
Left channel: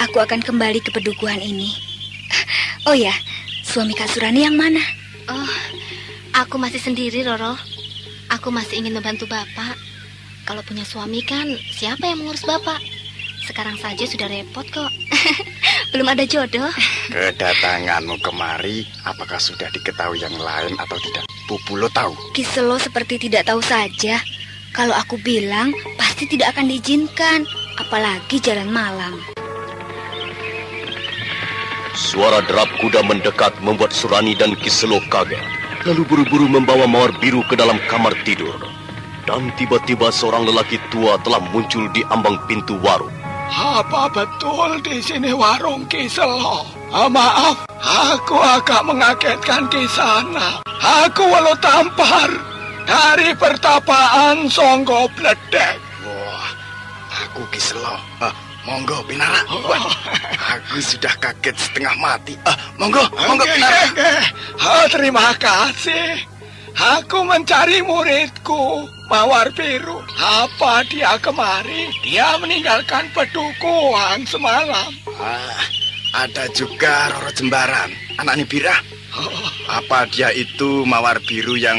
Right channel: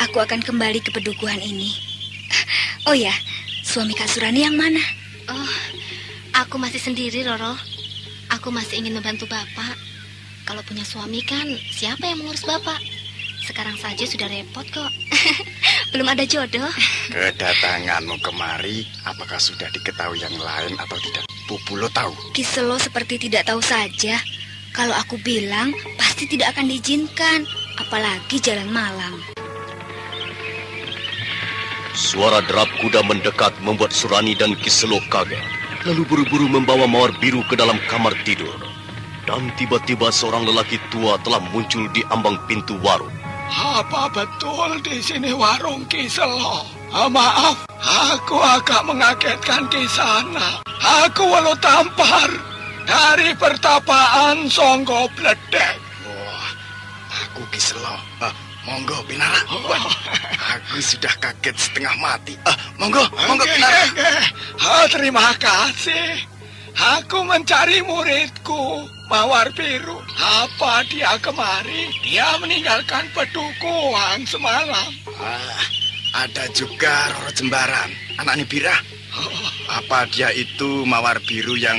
aku akan kembali ke pedukuhan ini. Oh ya, suami Kak Surani yang mana? Aku masih sendiri, Roro. Aku masih ingin membantu Bapak. Kalau punya suami kan, siapa yang mengurus Bapak? Sekarang saja sudah repot kok. Belum ada jodoh. Kedatanganmu kemari, apakah sudah diketahui yang lain atau tidak? Pupulo tahu? Ki Selo seperti tidak tahu saja. Kalau aku bilang, pasti tidak akan diizinkan. Apalagi jalan malam. Suara derap kuda mendekat membuat Surani dan Ki Selo kaget. Lalu buru-buru membawa Mawar Biru ke dalam kamar tidur. Dan tiba-tiba seorang lelaki tua telah muncul di ambang pintu warung. Apa betul di sini warung Ki Selo? Maaf, aku agak mengagetkan di sana. Aku Walu Tampar dari pertapaan Songgo Bledek. Aku Ki Selo. Monggo Pinara. Aku sudah kaget setengah mati. Monggo Pinara. Terima kasih. Aku mencari muridku, Mawar Biru. Apa dia kemari? Dia meninggalkan pedukuhan semalam. Ada juga Roro Jembaran, anaknya Bira. Apa dia itu Mawar Biru yang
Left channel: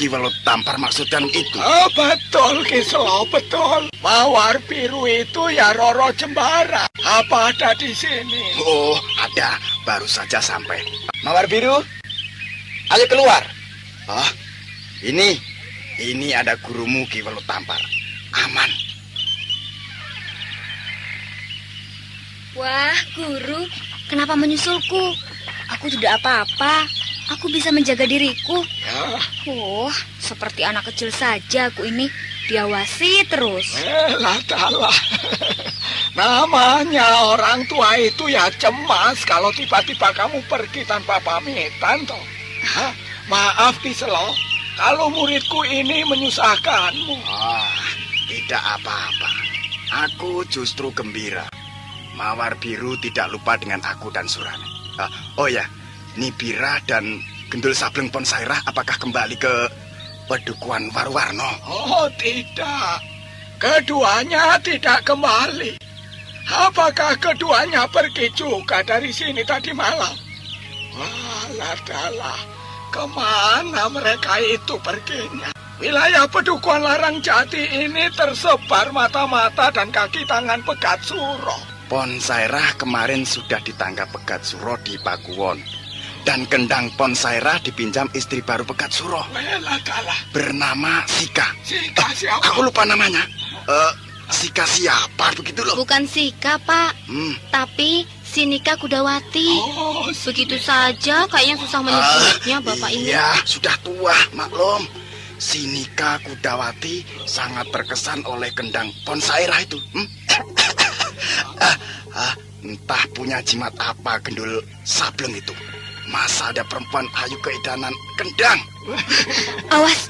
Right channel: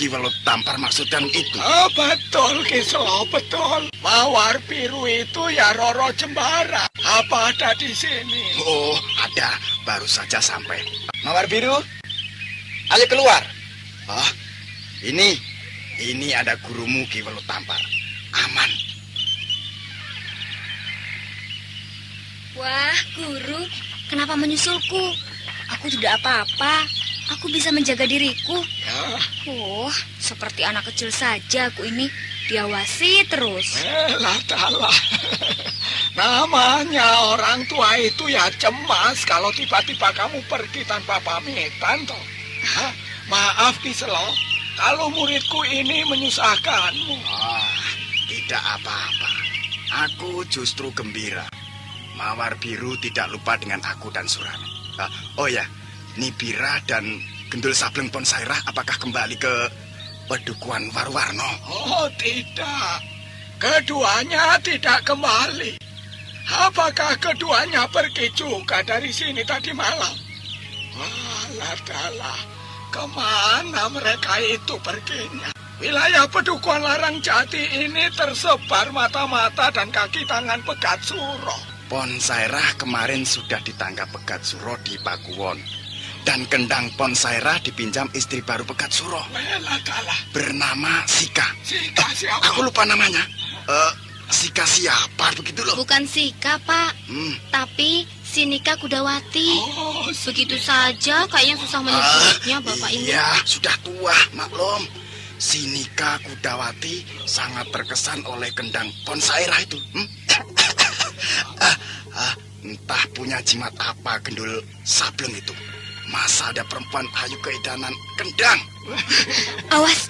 Ki Walu Tampar maksudkan itu? Betul, Ki Selo, betul. Mawar Biru itu ya Roro Jembaran. Apa ada di sini? Oh, ada. Baru saja sampai. Mawar Biru, ayo keluar. Ini ada gurumu Ki Walu Tampar. Aman. Wah, guru, kenapa menyusulku? Aku tidak apa-apa. Aku bisa menjaga diriku. Seperti anak kecil saja aku ini. Diawasi terus. Kalah. Namanya orang tua itu ya cemas kalau tiba-tiba kamu pergi tanpa pamitan toh. Maaf Ki Selo, kalau muridku ini menyusahkanmu. Tidak apa-apa. Aku justru gembira. Mawar Biru tidak lupa dengan aku dan Surani. Oh ya, Nibira dan Gendul Sableng Ponsairah apakah kembali ke pedukuhan Warwarno? Oh tidak, keduanya tidak kembali. Apakah keduanya pergi juga dari sini tadi malam? Alah, kemana mereka itu perginya? Wilayah pedukuhan Larang Jati ini tersebar mata-mata dan kaki tangan Pegat Suro. Ponsairah kemarin sudah ditangkap Pegat Suro di Pakuwon. Dan kendang Ponsairah dipinjam istri baru Pegat Suro. Bernama Sika. Sika siapa? Aku lupa namanya. Sika siapa begitu loh? Bukan Sika, Pak. Tapi Sinika Kudawati. Begitu saja kayaknya susah menyebutnya Bapak ini. Iya, sudah tua, maklum. Sinika Kudawati sangat terkesan oleh kendang Ponsairah itu. Entah punya jimat apa Gendul Sableng itu. Masa ada perempuan ayu keedanan kendang? Awas,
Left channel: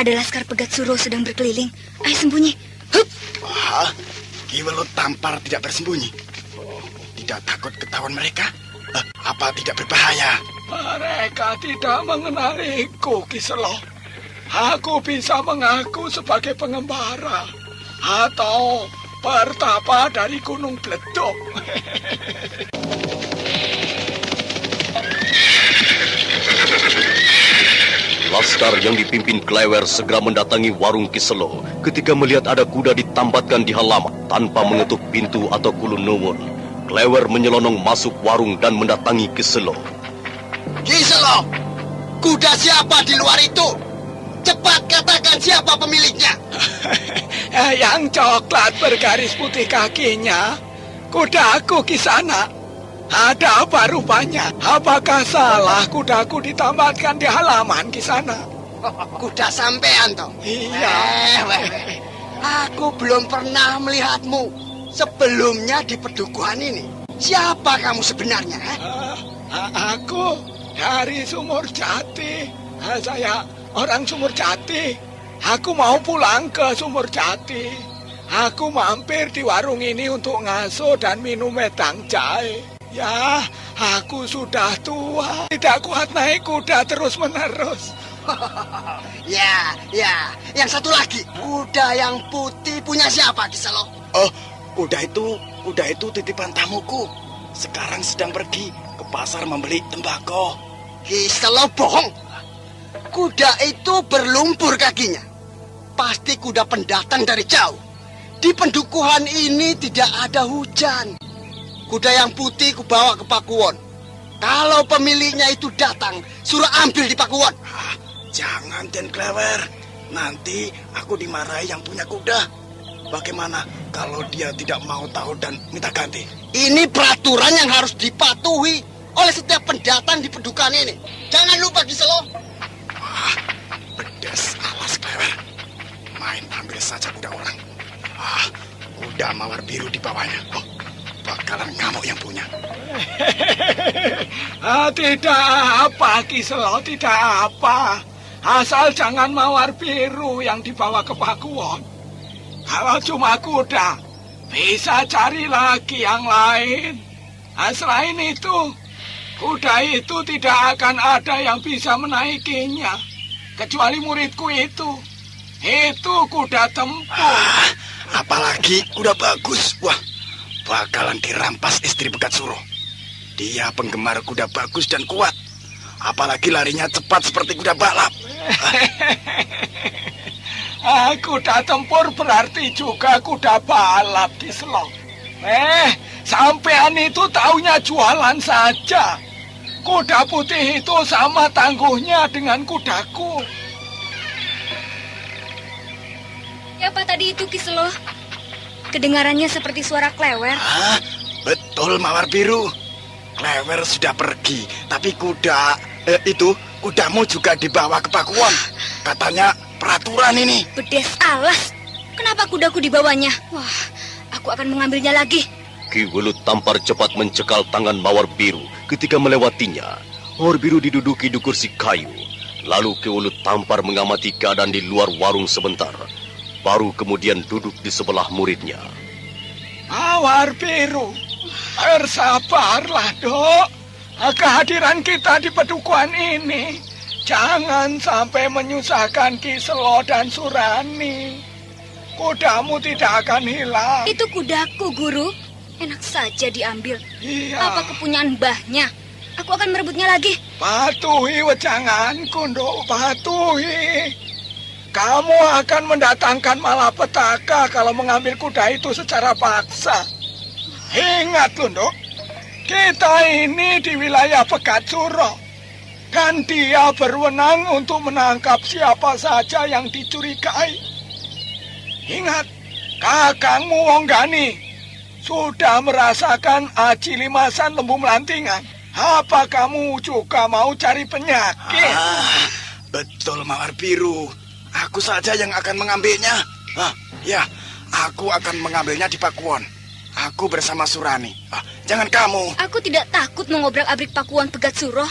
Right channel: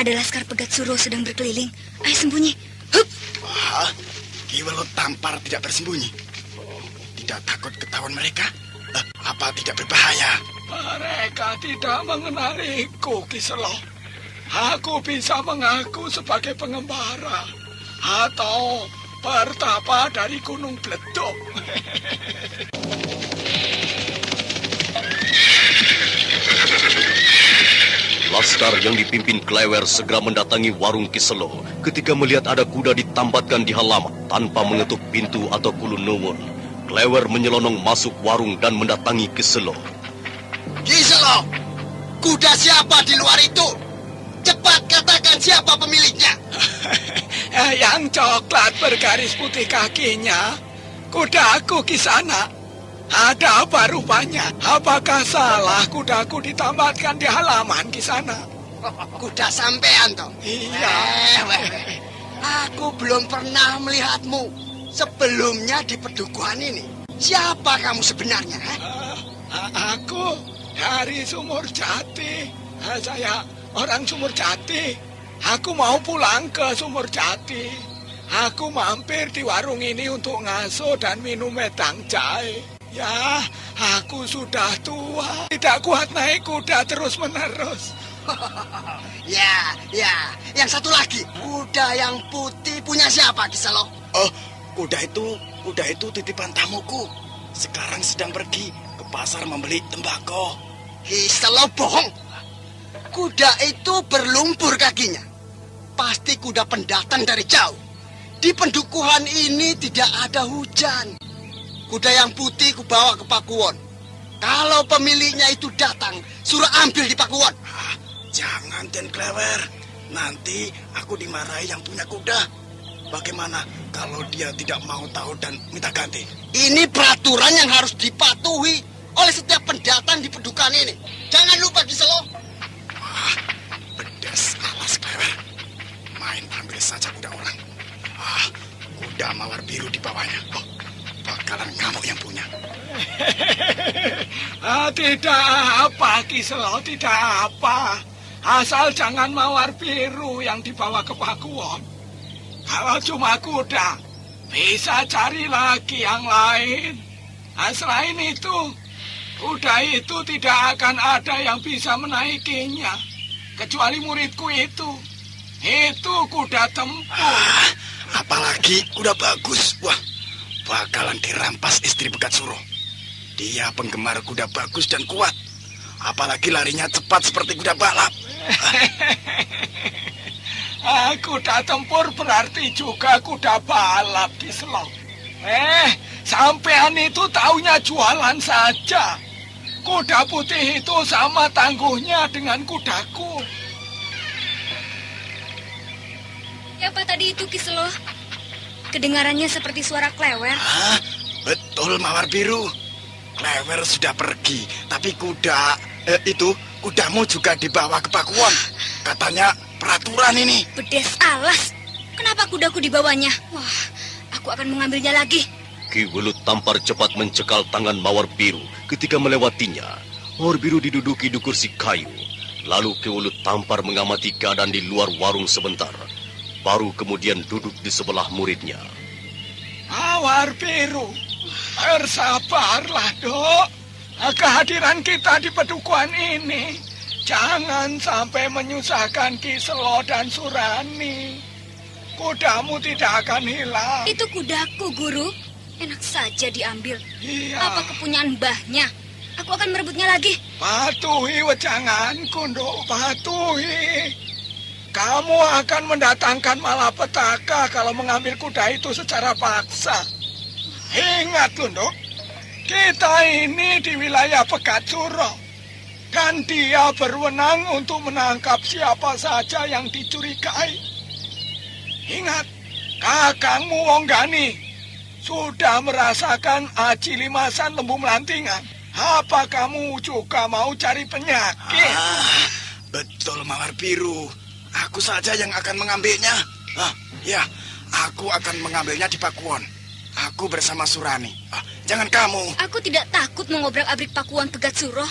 ada laskar Pegat Suro sedang berkeliling. Ayo sembunyi. Ki Walu Tampar tidak bersembunyi. Tidak takut ketahuan mereka? Apa tidak berbahaya? Mereka tidak mengenaliku, Ki Selo. Aku bisa mengaku sebagai pengembara atau pertapa dari Gunung Bledok. Laskar yang dipimpin Klewer segera mendatangi warung Ki Selo ketika melihat ada kuda ditambatkan di halaman tanpa mengetuk pintu atau ulun nuwun. Klewer menyelonong masuk warung dan mendatangi Ki Selo. Ki Selo, kuda siapa di luar itu? Katakan siapa pemiliknya. Yang coklat bergaris putih kakinya. Kudaku Kisana. Ada apa rupanya? Apakah salah kudaku ditambahkan di halaman Kisana? Kuda sampean toh? Iya. Aku belum pernah melihatmu sebelumnya di pedukuhan ini. Siapa kamu sebenarnya? Aku dari Sumur Jati. Saya orang Sumur Jati. Aku mau pulang ke Sumur Jati. Aku mampir di warung ini untuk ngaso dan minum wedang jahe. Ya, aku sudah tua. Tidak kuat naik kuda terus-menerus. Ya. Yang satu lagi, kuda yang putih punya siapa, Kiselo? Oh, kuda itu titipan tamuku. Sekarang sedang pergi ke pasar membeli tembakau. Kiselo bohong. Kuda itu berlumpur kakinya. Pasti kuda pendatang dari jauh. Di pendukuhan ini tidak ada hujan. Kuda yang putih kubawa ke Pakuwon. Kalau pemiliknya itu datang, suruh ambil di Pakuwon. Jangan, Den Klewer. Nanti aku dimarahi yang punya kuda. Bagaimana kalau dia tidak mau tahu dan minta ganti? Ini peraturan yang harus dipatuhi oleh setiap pendatang di pendukuhan ini. Jangan lupa Kiselo. Pedas alas Klewer. Main ambil saja kuda orang. Kuda mawar biru di bawahnya. Bakalan kamu yang punya. Tidak apa, Kiselo, tidak apa. Asal jangan mawar biru yang dibawa ke Pakuwon. Kalau cuma kuda, bisa cari lagi yang lain. Selain itu, kuda itu tidak akan ada yang bisa menaikinya. Kecuali muridku itu. Itu kuda tempur. Apalagi kuda bagus. Wah, bakalan dirampas istri Begat Suro. Dia penggemar kuda bagus dan kuat. Apalagi larinya cepat seperti kuda balap. Kuda tempur berarti juga kuda balap, Kiselo. Sampean itu taunya jualan saja. Kuda putih itu sama tangguhnya dengan kudaku. Siapa tadi itu, Kiselo? Kedengarannya seperti suara Klewer. Betul, Mawar Biru. Klewer sudah pergi, tapi kudamu juga dibawa ke Pakuwon. Katanya peraturan ini. Bedes alas. Kenapa kudaku dibawanya? Wah, aku akan mengambilnya lagi. Ki Welut Tampar cepat mencekal tangan Mawar Biru ketika melewatinya. Mawar Biru diduduki di kursi kayu. Lalu Ki Welut Tampar mengamati keadaan di luar warung sebentar. Baru kemudian duduk di sebelah muridnya. Mawar Biru, bersabarlah, Dok. Kehadiran kita di pedukuhan ini jangan sampai menyusahkan Kiselo dan Surani. Kudamu tidak akan hilang. Itu kudaku, Guru. Enak saja diambil. Iya. Apa kepunyaan mbahnya? Aku akan merebutnya lagi. Patuhi wejanganku, Dok. Patuhi. Kamu akan mendatangkan malapetaka kalau mengambil kuda itu secara paksa. Ingat, Dok. Kita ini di wilayah Begat Suro. Kan dia berwenang untuk menangkap siapa saja yang dicurigai. Ingat, kakangmu Wonggani sudah merasakan aji limasan lembu melantingan. Apa kamu juga mau cari penyakit? Betul, Mawar Biru. Aku saja yang akan mengambilnya. Ya, aku akan mengambilnya di Pakuwon. Aku bersama Surani. Jangan kamu. Aku tidak takut mengobrak-abrik Pakuwon Begat Suro.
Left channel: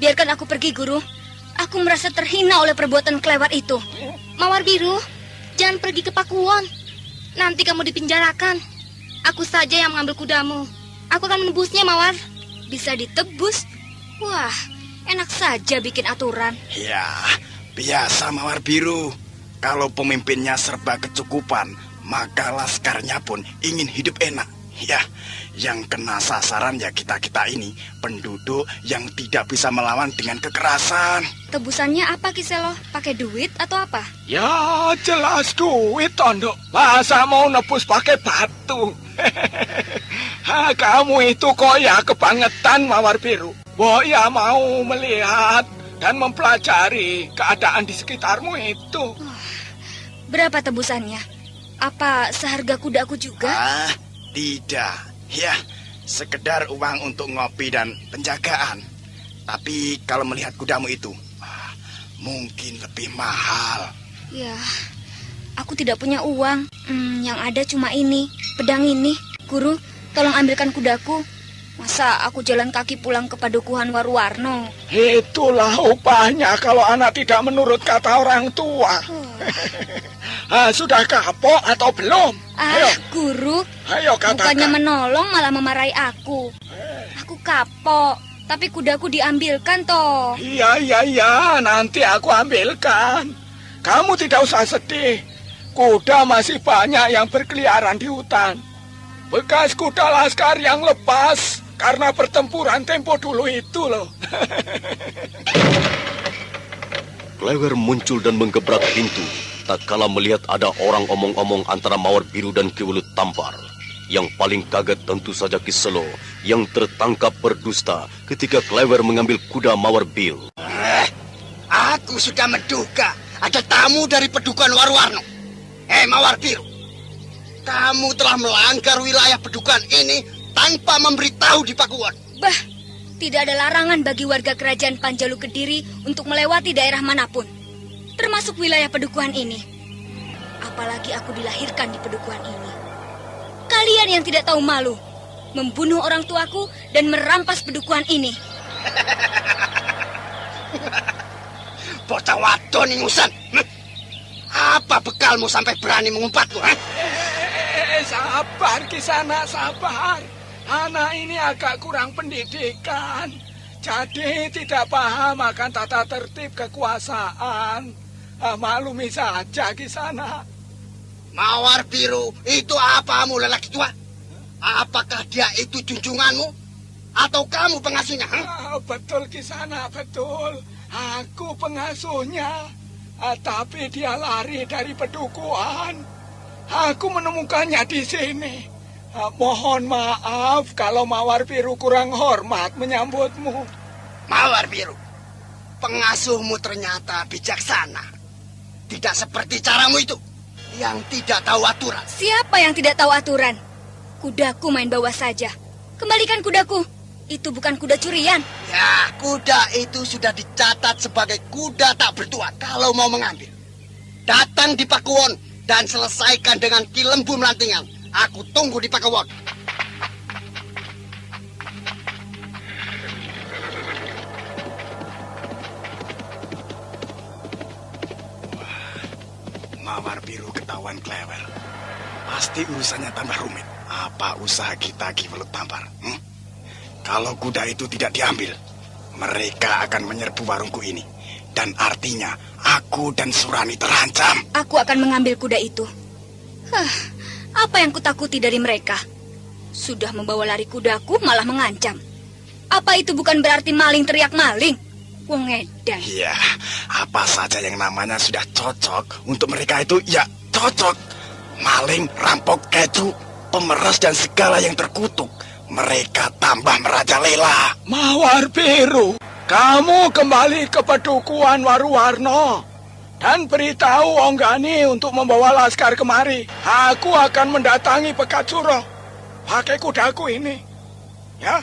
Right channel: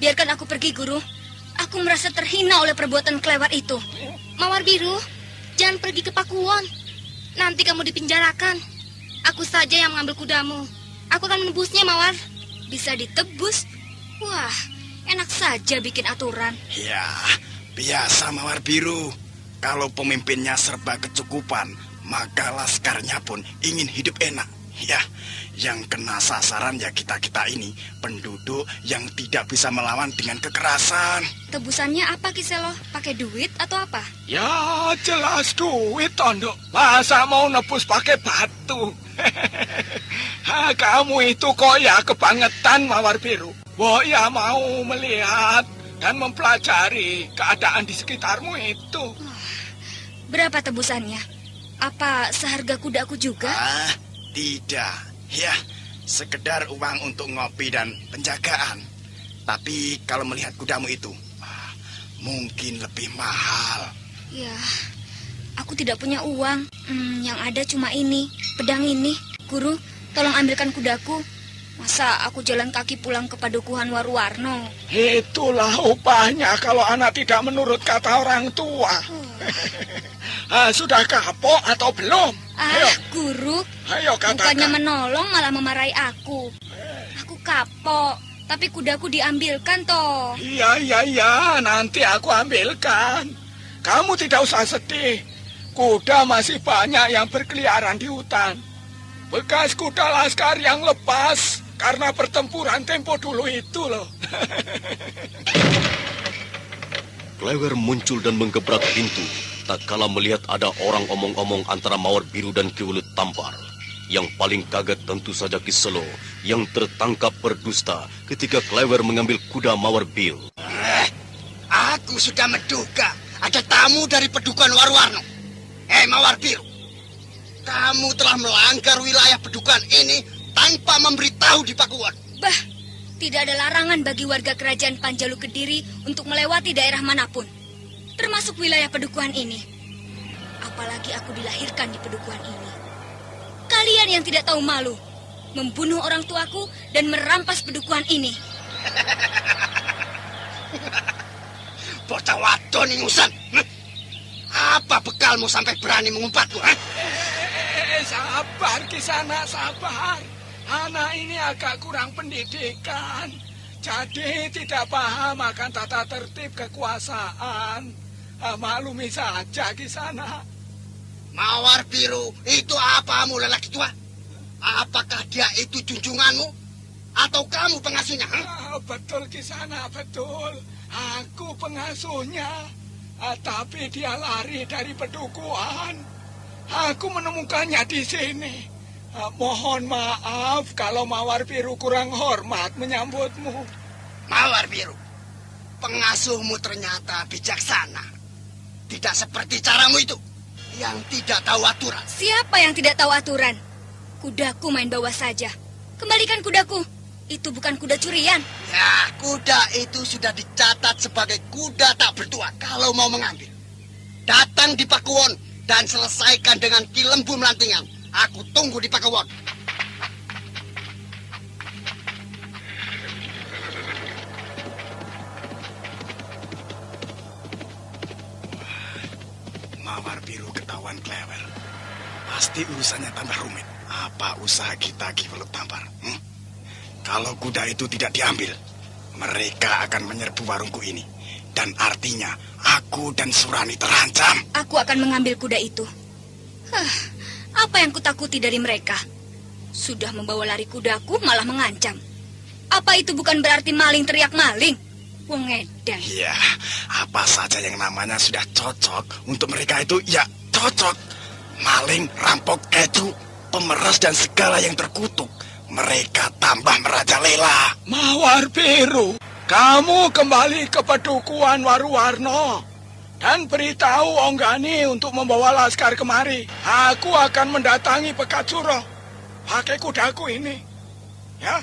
Biarkan aku pergi, Guru. Aku merasa terhina oleh perbuatan kelewat itu. Mawar Biru, jangan pergi ke Pakuwon. Nanti kamu dipinjarakan. Aku saja yang mengambil kudamu. Aku akan menebusnya, Mawar. Bisa ditebus. Wah, enak saja bikin aturan. Ya, biasa Mawar Biru. Kalau pemimpinnya serba kecukupan, maka laskarnya pun ingin hidup enak. Ya, yang kena sasaran ya kita-kita ini, penduduk yang tidak bisa melawan dengan kekerasan. Tebusannya apa, Kiselo? Pakai duit atau apa? Ya, jelas duit, Tondok. Masa mau nebus pakai batu? Kamu itu kok ya kebangetan, Mawar Biru. Ya mau melihat dan mempelajari keadaan di sekitarmu itu. Berapa tebusannya? Apa seharga kudaku juga? Tidak. Ya, sekedar uang untuk ngopi dan penjagaan. Tapi kalau melihat kudamu itu, mungkin lebih mahal. Ya, aku tidak punya uang. Yang ada cuma ini, pedang ini. Guru, tolong ambilkan kudaku. Masa aku jalan kaki pulang ke Padukuhan Waruwarno? Itulah upahnya kalau anak tidak menurut kata orang tua. Sudah kapok atau belum? Ayo. Guru, ayo katakan. Bukannya menolong malah memarahi aku. Aku kapok, tapi kudaku diambilkan toh. Iya, nanti aku ambilkan. Kamu tidak usah sedih. Kuda masih banyak yang berkeliaran di hutan. Bekas kuda laskar yang lepas karena pertempuran tempo dulu itu loh. Klewer muncul dan menggebrak pintu. Tak kala melihat ada orang omong-omong antara Mawar Biru dan Ki Welut Tampar. Yang paling kaget tentu saja Ki Selo yang tertangkap berdusta ketika Klewer mengambil kuda Mawar Biru. Aku sudah menduga ada tamu dari Padukuhan Waruwarno. Mawar Biru, kamu telah melanggar wilayah Padukuhan ini tanpa memberitahu di Pakuwon. Bah, tidak ada larangan bagi warga kerajaan Panjalu Kediri untuk melewati daerah manapun, termasuk wilayah Padukuhan ini. Apalagi aku dilahirkan di Padukuhan ini. Kalian yang tidak tahu malu, membunuh orang tuaku dan merampas Padukuhan ini. Bocah wadon ingusan. Apa bekalmu sampai berani mengumpat-Ku? Sabar Kisana, sabar. Anak ini agak kurang pendidikan. Jadi tidak paham akan tata tertib kekuasaan. Maklumi saja Kisana. Mawar Biru, itu apamu lelaki tua? Apakah dia itu junjunganmu? Atau kamu pengasuhnya? Betul Kisana, betul. Aku pengasuhnya. Tapi dia lari dari Padukuhan. Aku menemukannya di sini. Mohon maaf kalau Mawar Biru kurang hormat menyambutmu. Mawar Biru, pengasuhmu ternyata bijaksana. Tidak seperti caramu itu, yang tidak tahu aturan. Siapa yang tidak tahu aturan? Kudaku main bawa saja. Kembalikan kudaku. Itu bukan kuda curian. Ya, kuda itu sudah dicatat sebagai kuda tak bertuan kalau mau mengambil. Datang di Pakuwon dan selesaikan dengan Ki Lembu Melantingan. Aku tunggu di Pakuwon. Mawar Biru ketahuan Klewer. Pasti urusannya tambah rumit. Apa usaha kita Ki Welut Tampar? Kalau kuda itu tidak diambil, mereka akan menyerbu warungku ini. Dan artinya, aku dan Surani terancam. Aku akan mengambil kuda itu. Apa yang kutakuti dari mereka? Sudah membawa lari kudaku, malah mengancam. Apa itu bukan berarti maling teriak maling? Wong edan. Iya, apa saja yang namanya sudah cocok untuk mereka itu, ya cocok. Maling, rampok, keju, pemeras dan segala yang terkutuk. Mereka tambah merajalela. Mawar Biru, kamu kembali ke Padukuhan Waruwarno dan beritahu Onggani untuk membawa laskar kemari. Aku akan mendatangi Pekacuro pakai kudaku ini. Ya,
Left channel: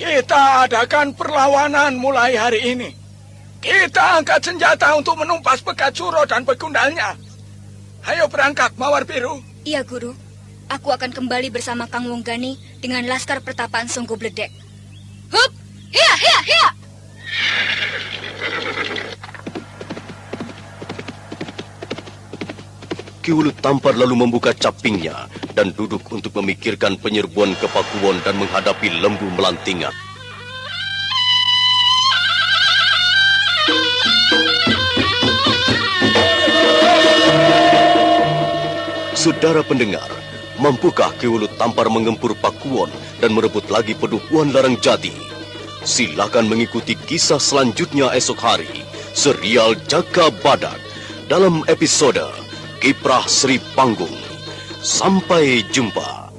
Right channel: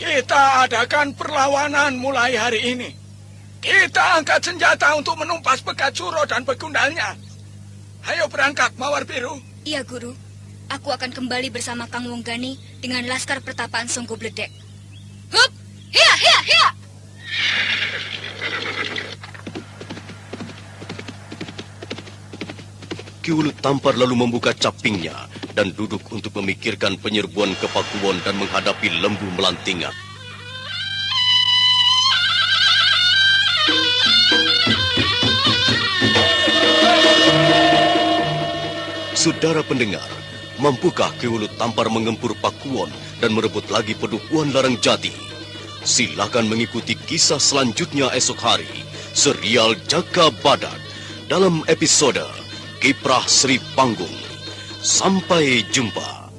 kita adakan perlawanan mulai hari ini. Kita angkat senjata untuk menumpas Pekacuro dan begundalnya. Ayo berangkat, Mawar Biru. Iya, Guru. Aku akan kembali bersama Kang Wonggani dengan laskar pertapaan Songgo Bledek. Hup! Hia, hia, hia! Ki Welut Tampar lalu membuka capingnya dan duduk untuk memikirkan penyerbuan ke Pakuwon dan menghadapi Lembu Melantingan. Saudara pendengar, mampukah Ki Welut Tampar mengempur Pakuwon dan merebut lagi Padukuhan Larang Jati? Silakan mengikuti kisah selanjutnya esok hari, serial Jaka Badak, dalam episode Kiprah Sri Panggung. Sampai jumpa.